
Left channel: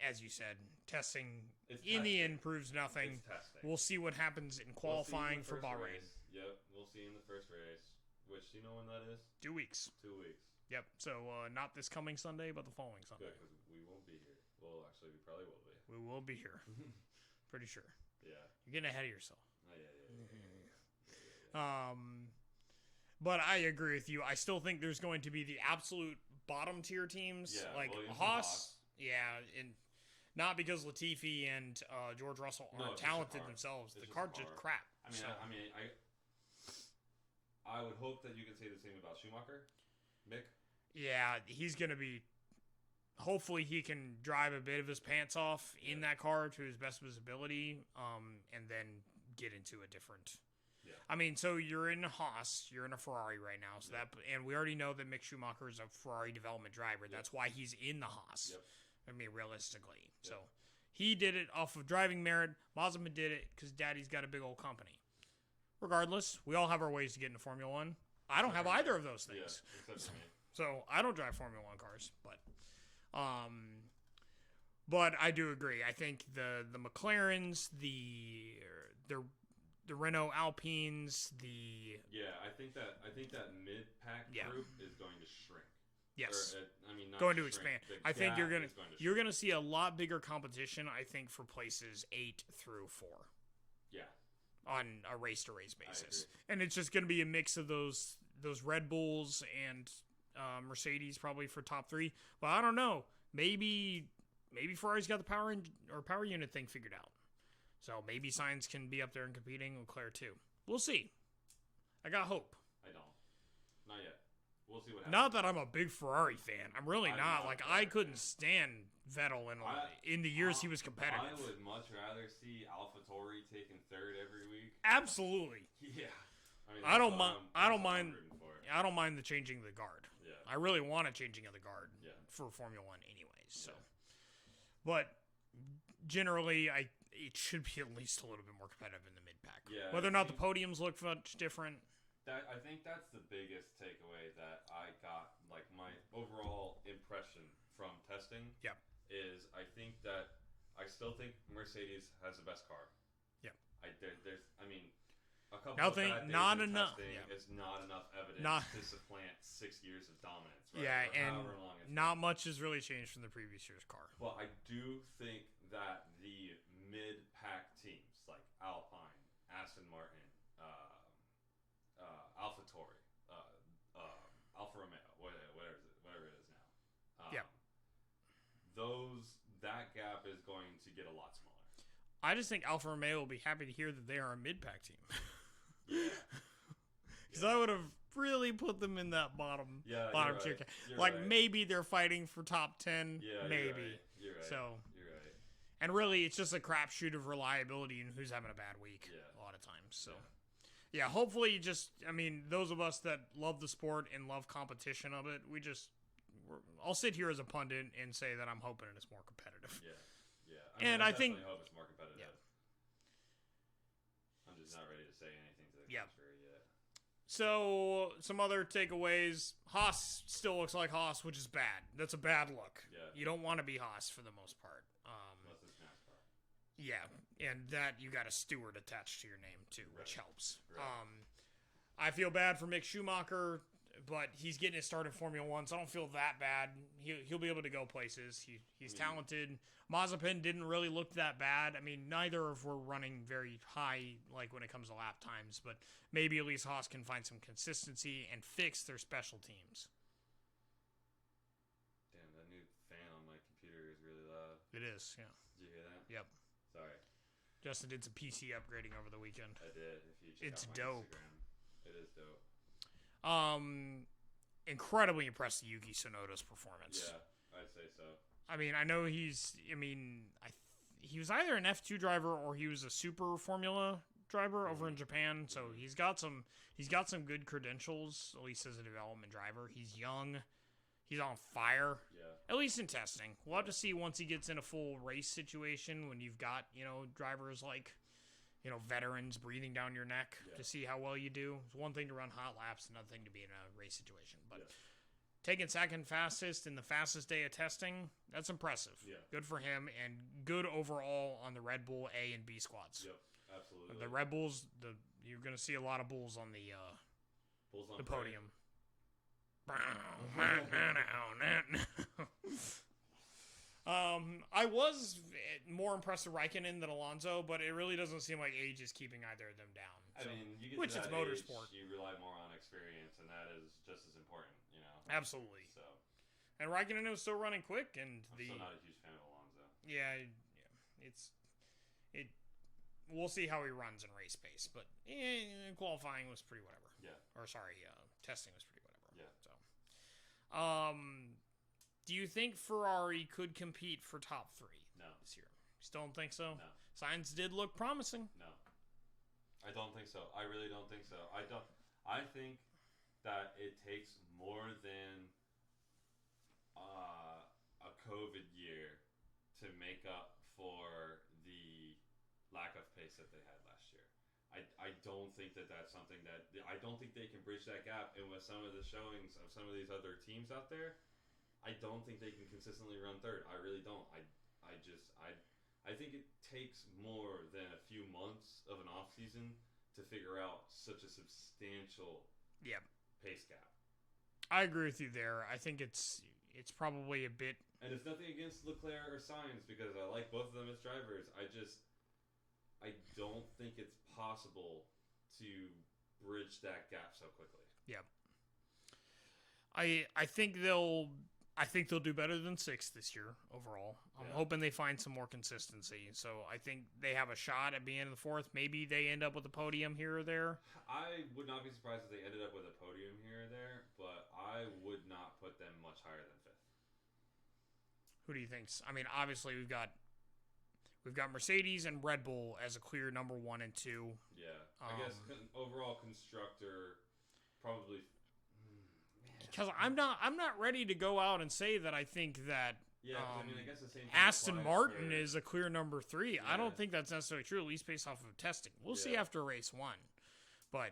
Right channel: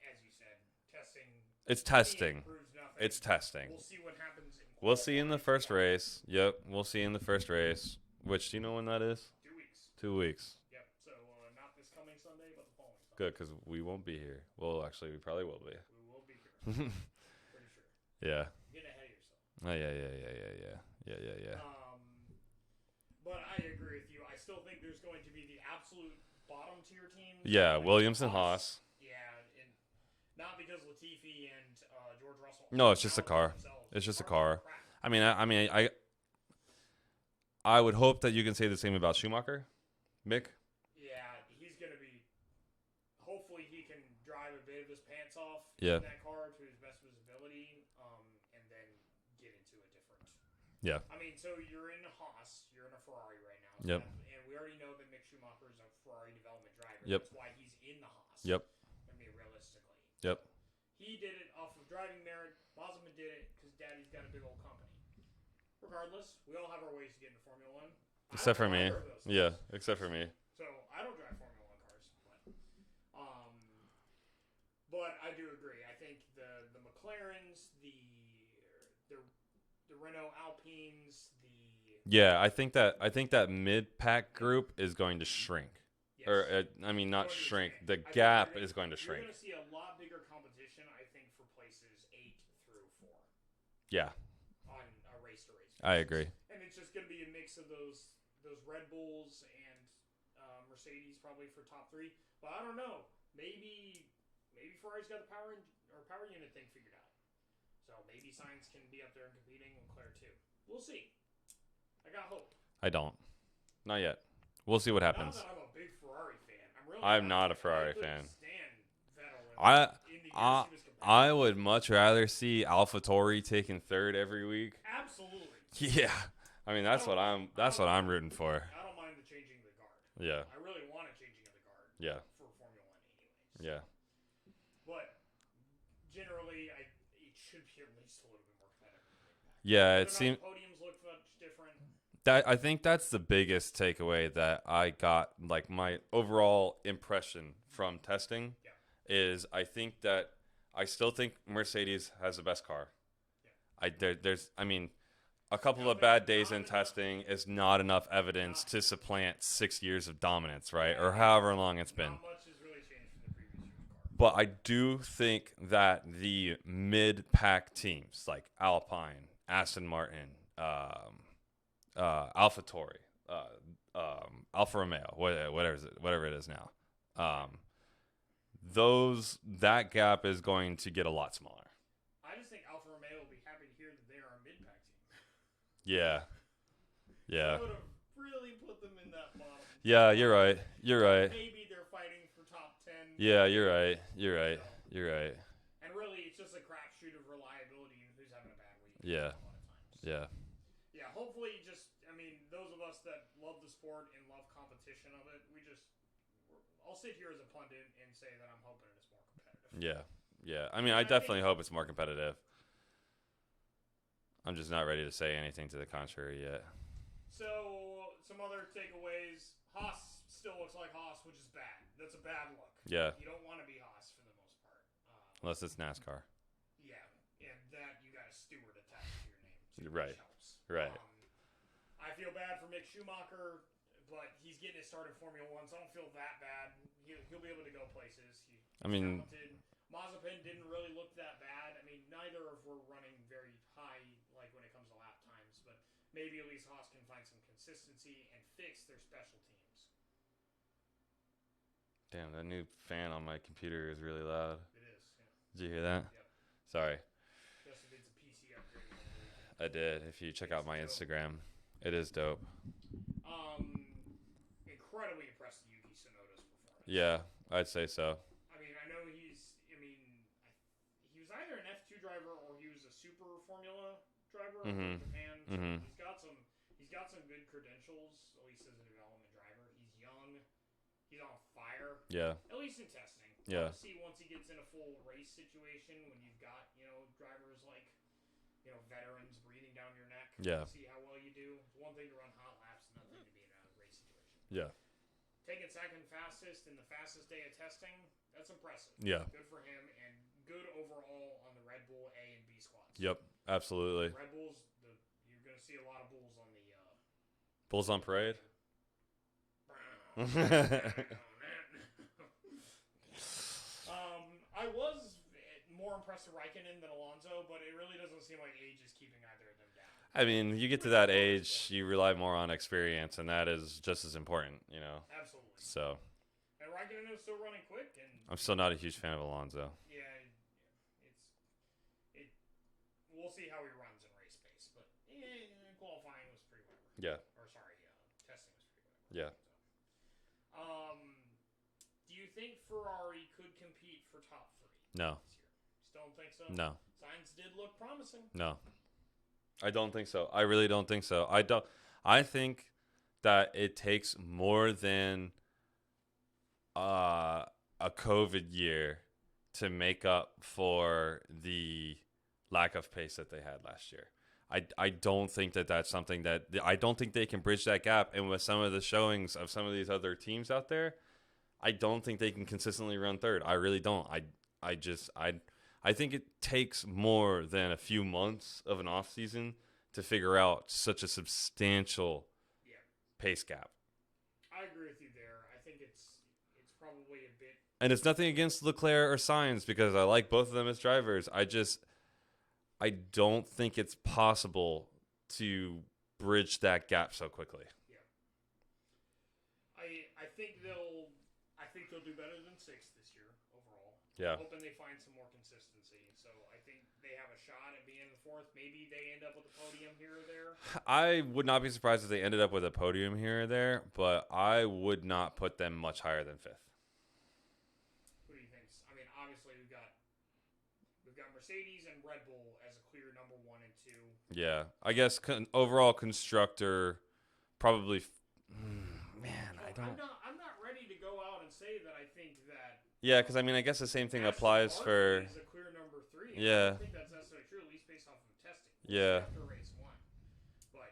as you said, testing. It's testing. Proves nothing. It's testing. We'll see what happens in qualifying. We'll see in the first race. Yep, we'll see in the first race. Which, do you know when that is? 2 weeks. 2 weeks. Yep. So not this coming Sunday, but the following Sunday. Good, because we won't be here. Well, actually, we probably will be. We will be here. Pretty sure. Yeah. You're getting ahead of yourself. Oh yeah. But I agree with you. I still think there's going to be the absolute bottom tier teams. Yeah, like Williams and Haas. Yeah, and Not because Latifi and George Russell. No, it's just a car. It's just a car. I mean, I would hope that you can say the same about Schumacher, Mick. Yeah, he's gonna be. Hopefully, he can drive a bit of his pants off in that car to his best of his ability, and then get into a different. Yeah. I mean, so you're in a Haas, you're in a Ferrari right now, so and we already know that Mick Schumacher is a Ferrari development driver. That's why he's in the Haas. Yep. I mean, realistically. Yep. So he did it off of driving merit. Mazepin did it because Daddy's got a big old company. Regardless, we all have our ways to get into Formula One. I don't have either of those things. Yeah, except for me. So I don't drive Formula One cars, but I do agree. I think the McLarens, the Renault Alpines, I think that mid-pack group is going to shrink. Yes. Or not shrink. The I gap is going to shrink. You're going to see a lot bigger competition, I think, for places 8 through 4. Yeah. On a race-to-race basis. I agree. And it's just going to be a mix of those Red Bulls and Mercedes probably for top 3. But I don't know. Maybe Ferrari's got the power unit thing figured out. So maybe Sainz can be up there and competing, Leclerc too. We'll see. I got hope. I don't. Not yet. We'll see what happens. Not that I'm a big Ferrari fan. I'm not a Ferrari fan. I couldn't stand Vettel in the years he was competitive. I would much rather see AlphaTauri taking 3rd every week. Absolutely. Yeah. I mean, that's what I'm rooting for. I don't mind the changing of the guard. Yeah. I really want a changing of the guard. Yeah. For Formula One, anyways. Yeah. But generally, it should be at least a little bit more competitive in the mid-pack. Yeah. Whether or not the podiums look much different. I think that's the biggest takeaway that I got, like my overall impression from testing. Yeah. Is I still think Mercedes has the best car. Yeah. A couple of bad days in testing is not enough evidence to supplant 6 years of dominance, right? Yeah, or however long it's been. Not much has really changed from the previous year's car. But I do think that the mid-pack teams like Alpine, Aston Martin, AlphaTauri, Alfa Romeo, whatever it is now, that gap is going to get a lot smaller. I just think Alfa Romeo will be happy to hear that they are a mid-pack team. Yeah. Yeah. So that would have really put them in that bottom. Yeah, you're right. You're right. Maybe they're fighting for top 10. Yeah, you're right. You're right. You're right. And really, it's just a crapshoot of reliability and who's having a bad week. Yeah. A lot of times. So. Yeah. Yeah, hopefully those of us that love the sport and love competition of it, I'll sit here as a pundit and say that I'm hoping it's more competitive. Yeah. Yeah. I definitely hope it's more competitive. I'm just not ready to say anything to the contrary yet. So, some other takeaways. Haas still looks like Haas, which is bad. That's a bad look. Yeah. You don't want to be Haas for the most part. Unless it's NASCAR. Yeah. And that you got a steward attached to your name, too, which helps. Right. I feel bad for Mick Schumacher, but he's getting his start in Formula One, so I don't feel that bad. He'll be able to go places. He's talented. Mazepin didn't really look that bad. Neither of were running very high, like when it comes to lap times, but maybe at least Haas can find some consistency and fix their special teams. Damn, that new fan on my computer is really loud. It is, yeah. Did you hear that? Yep. Sorry. Justin did some PC upgrading over the weekend. I did. If you check out my Instagram, it is dope. Incredibly impressed with Yuki Tsunoda's performance. Yeah, I'd say so. I know he was either an F2 driver or he was a super Formula driver over in Japan. So he's got some good credentials, at least as a development driver. He's young. He's on fire. Yeah. At least in testing. We'll have to see once he gets in a full race situation when you've got, drivers like, veterans breathing down your neck to see how well you do. It's one thing to run hot laps, another thing to be in a race situation. But taking second fastest in the fastest day of testing, that's impressive. Yeah. Good for him and good overall on the Red Bull A and B squads. Yep, absolutely. The Red Bulls, you're going to see a lot of bulls on the Bulls on parade. I was more impressed with Raikkonen than Alonso, but it really doesn't seem like age is keeping either of them down. You get to that age, you rely more on experience, and that is just as important, Absolutely. So, And Raikkonen was still running quick, and I'm still not a huge fan of Alonso. Yeah, we'll see how he runs in race pace, but qualifying was pretty whatever. Yeah. Or sorry, testing was pretty whatever. Yeah. So, do you think Ferrari could compete for top 3? No. This year? Still don't think so? No. Signs did look promising. No. I don't think so. I really don't think so. I think that it takes more than a COVID year to make up for the lack of pace that they had last year. I don't think that that's something that I don't think they can bridge that gap. And with some of the showings of some of these other teams out there, I don't think they can consistently run third. I really don't. I think it takes more than a few months of an off season to figure out such a substantial pace gap. I agree with you there. I think it's probably a bit. And it's nothing against Leclerc or Sainz because I like both of them as drivers. I don't think it's possible to bridge that gap so quickly. Yeah. I think they'll do better than 6th this year overall. I'm hoping they find some more consistency. So I think they have a shot at being in the 4th. Maybe they end up with a podium here or there. I would not be surprised if they ended up with a podium here or there, but I would not put them much higher than 5th. Who do you think? I mean, obviously we've got Mercedes and Red Bull as a clear number 1 and 2. Yeah, I guess overall constructor probably. Because I'm not ready to go out and say that I think that. Yeah, because I mean, I guess the same thing Aston applies Martin for. Is a clear number 3. Yeah. I don't think that's necessarily true, at least based off of testing. We'll see after race 1. But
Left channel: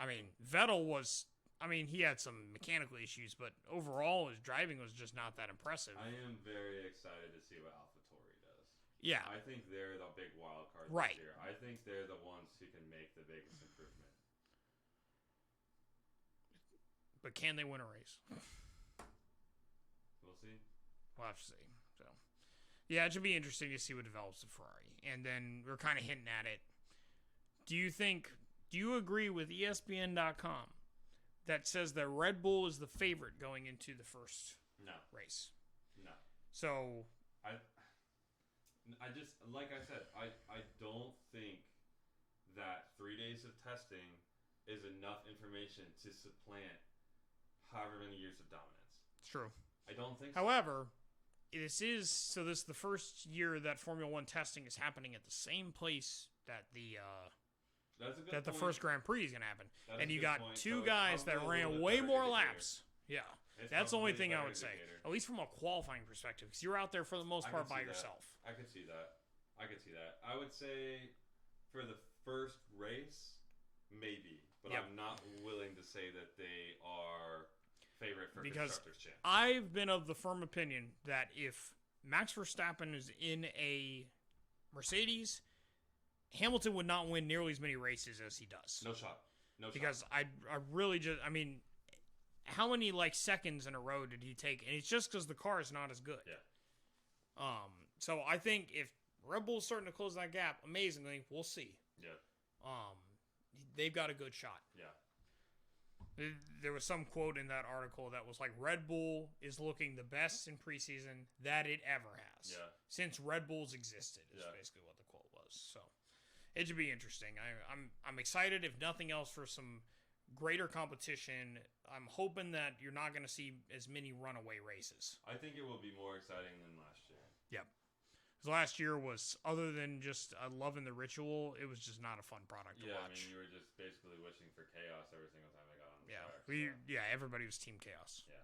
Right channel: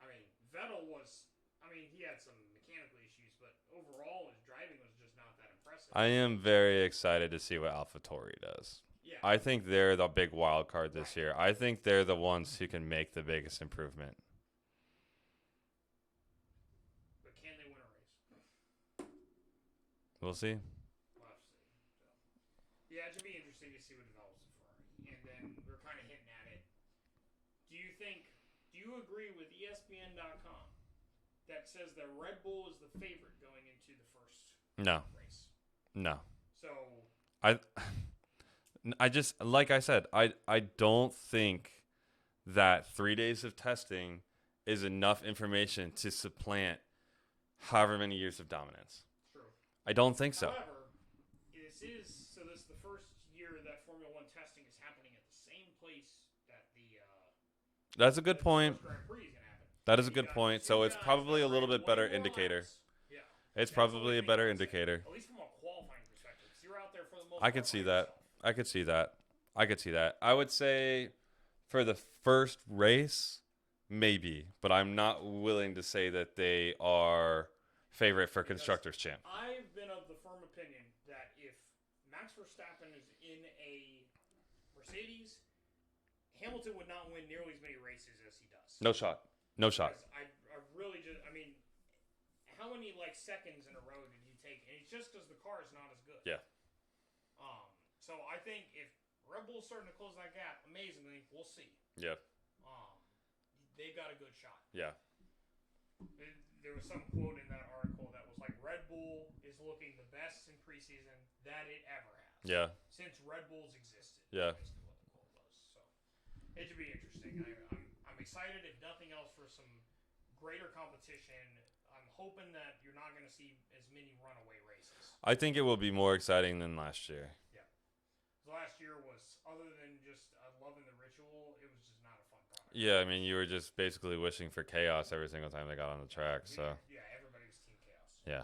I mean, Vettel was. I mean, he had some mechanical issues, but overall, his driving was just not that impressive. I am very excited to see what AlphaTauri does. Yeah. I think they're the big wild card this year. I think they're the ones who can make the biggest improvement. But can they win a race? We'll see. We'll have to see. So, yeah, it should be interesting to see what develops with Ferrari. And then we're kind of hinting at it. Do you agree with ESPN.com that says that Red Bull is the favorite going into the first race? No. So I just, like I said, I don't think that 3 days of testing is enough information to supplant however many years of dominance. True. I don't think so. However, this is the first year that Formula 1 testing is happening at the same place that that's a good point. The first Grand Prix is going to happen. That is a good point. So it's probably a little bit better indicator. Laps. Yeah. It's probably a better indicator. At least from a qualifying perspective, because you're out there for the most part. I could see that. I could see that. I would say for the first race, maybe, but I'm not willing to say that they are favorite for Constructors' Champ. I've been of the firm opinion that if Max Verstappen is in a Mercedes, Hamilton would not win nearly as many races as he does. No shot. Because I really just, I mean, how many seconds in a row did he take? And it's just because the car is not as good. Yeah. So I think if Red Bull's starting to close that gap, amazingly, we'll see. Yeah. They've got a good shot. Yeah. There was some quote in that article that was like, Red Bull is looking the best in preseason that it ever has. Yeah. Since Red Bull's existed. Yeah. Is basically what the quote was. So it should be interesting. I'm excited, if nothing else, for some greater competition. I'm hoping that you're not going to see as many runaway races. I think it will be more exciting than last year. Yeah. Last year was, other than just loving the ritual, it was just not a fun product. Yeah, I mean, you were just basically wishing for chaos every single time they got on the track. So Everybody was Team Chaos. Yeah.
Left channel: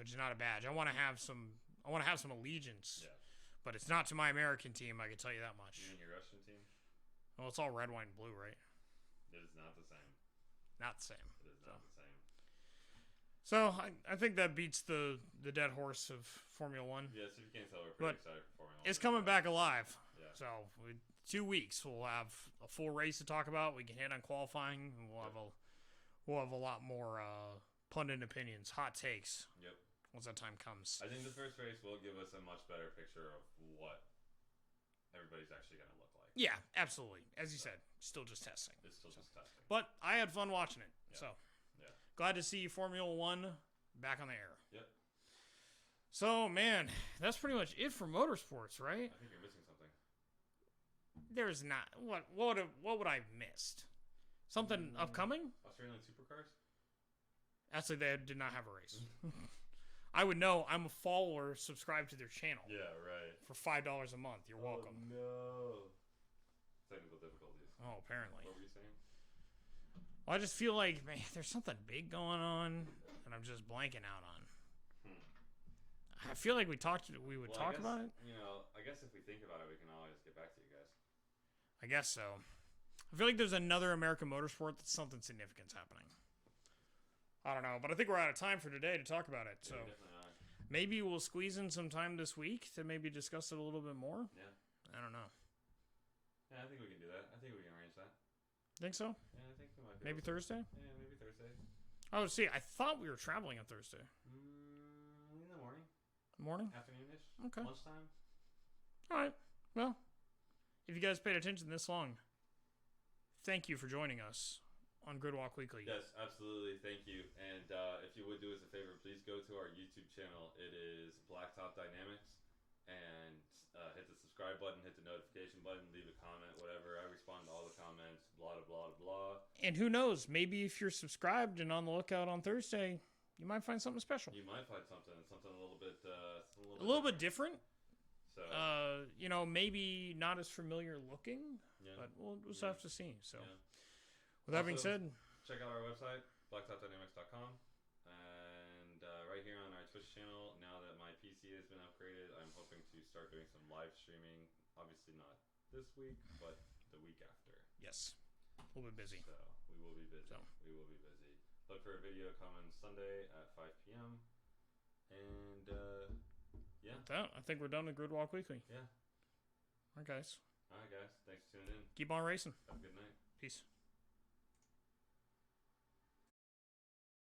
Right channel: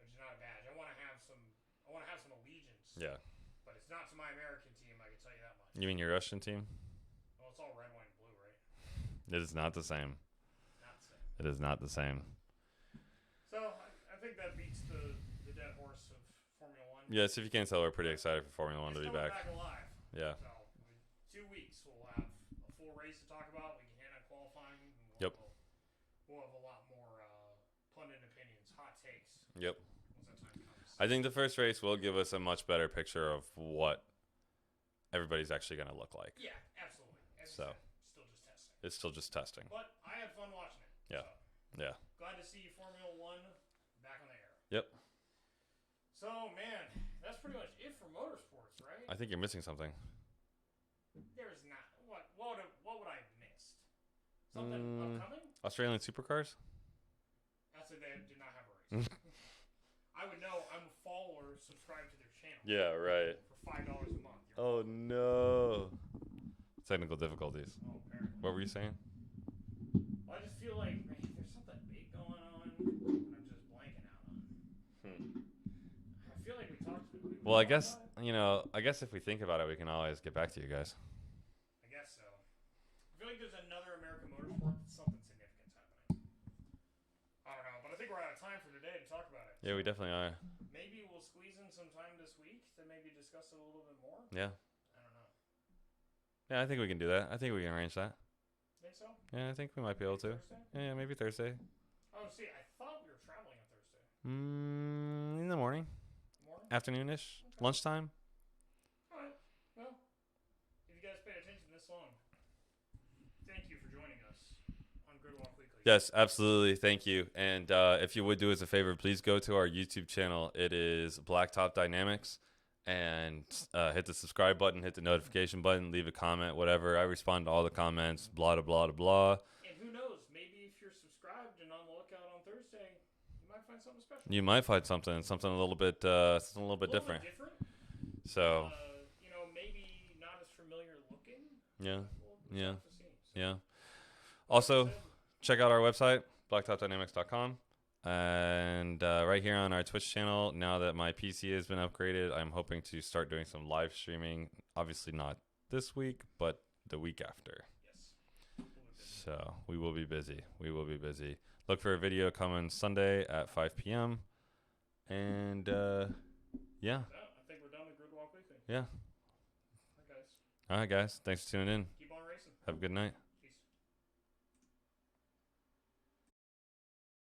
Which is not a badge. I want to have some allegiance. Yeah. But it's not to my American team, I can tell you that much. You mean your Russian team? Well, it's all red, white, and blue, right? It is not the same. Not the same. It is not the same. So I think that beats the dead horse of Formula 1. Yes, if you can't tell, we're pretty excited for Formula 1. It's coming back alive. Yeah. So 2 weeks, we'll have a full race to talk about. We can hit on qualifying. We'll have a lot more pundit opinions, hot takes. Yep. Once that time comes. I think the first race will give us a much better picture of what everybody's actually going to look like. Yeah, absolutely. As you said, still just testing. It's still just testing. But I had fun watching it. Yeah. So yeah. Glad to see Formula 1 back on the air. Yep. So, man, that's pretty much it for motorsports, right? I think you're missing something. There's not. What would I have missed? Something upcoming? Australian supercars? Actually, they did not have a race. I would know. I'm a follower, subscribe to their channel. Yeah, right. For $5 a month. You're welcome. No. Technical difficulties. Oh, apparently. What were you saying? Well, I just feel like, man, there's something big going on that I'm just blanking out on. I feel like we would talk about it. I guess, I guess if we think about it, we can always get back to you guys. I guess so. I feel like there's another American motorsport that's something significant's happening. I don't know, but I think we're out of time for today to talk about it. Yeah, so we definitely are. Maybe we'll squeeze in some time this week to maybe discuss it a little bit more. Yeah. I don't know. Yeah, I think we can do that. I think we can arrange that. Think so? Yeah, I think we might be able to. Thursday? Yeah, maybe Thursday. Oh, see, I thought we were traveling on Thursday. In the morning. Morning? Afternoonish. Okay. Lunchtime. All right. Well, if you guys paid attention this long, thank you for joining us on Gridwalk Weekly. Yes, absolutely. Thank you. And if you would do us a favor, please go to our YouTube channel. It is Blacktop Dynamics. And hit the subscribe button, hit the notification button, leave a comment, whatever. I respond to all the comments, blah, blah, blah, blah. And who knows? Maybe if you're subscribed and on the lookout on Thursday, you might find something special. You might find something a little bit different. So, maybe not as familiar looking. Yeah. But we'll have to see. So, yeah. Also, check out our website, blacktopdynamics.com. And right here on our Twitch channel, now that my PC has been upgraded, I'm hoping to start doing some live streaming. Obviously not this week, but the week after. Yes. We'll be busy. So we will be busy. We will be busy. Look for a video coming Sunday at 5 p.m. And yeah. I think we're done with Gridwalk Weekly. Yeah. All right, guys. All right, guys. Thanks for tuning in. Keep on racing. Have a good night. Peace.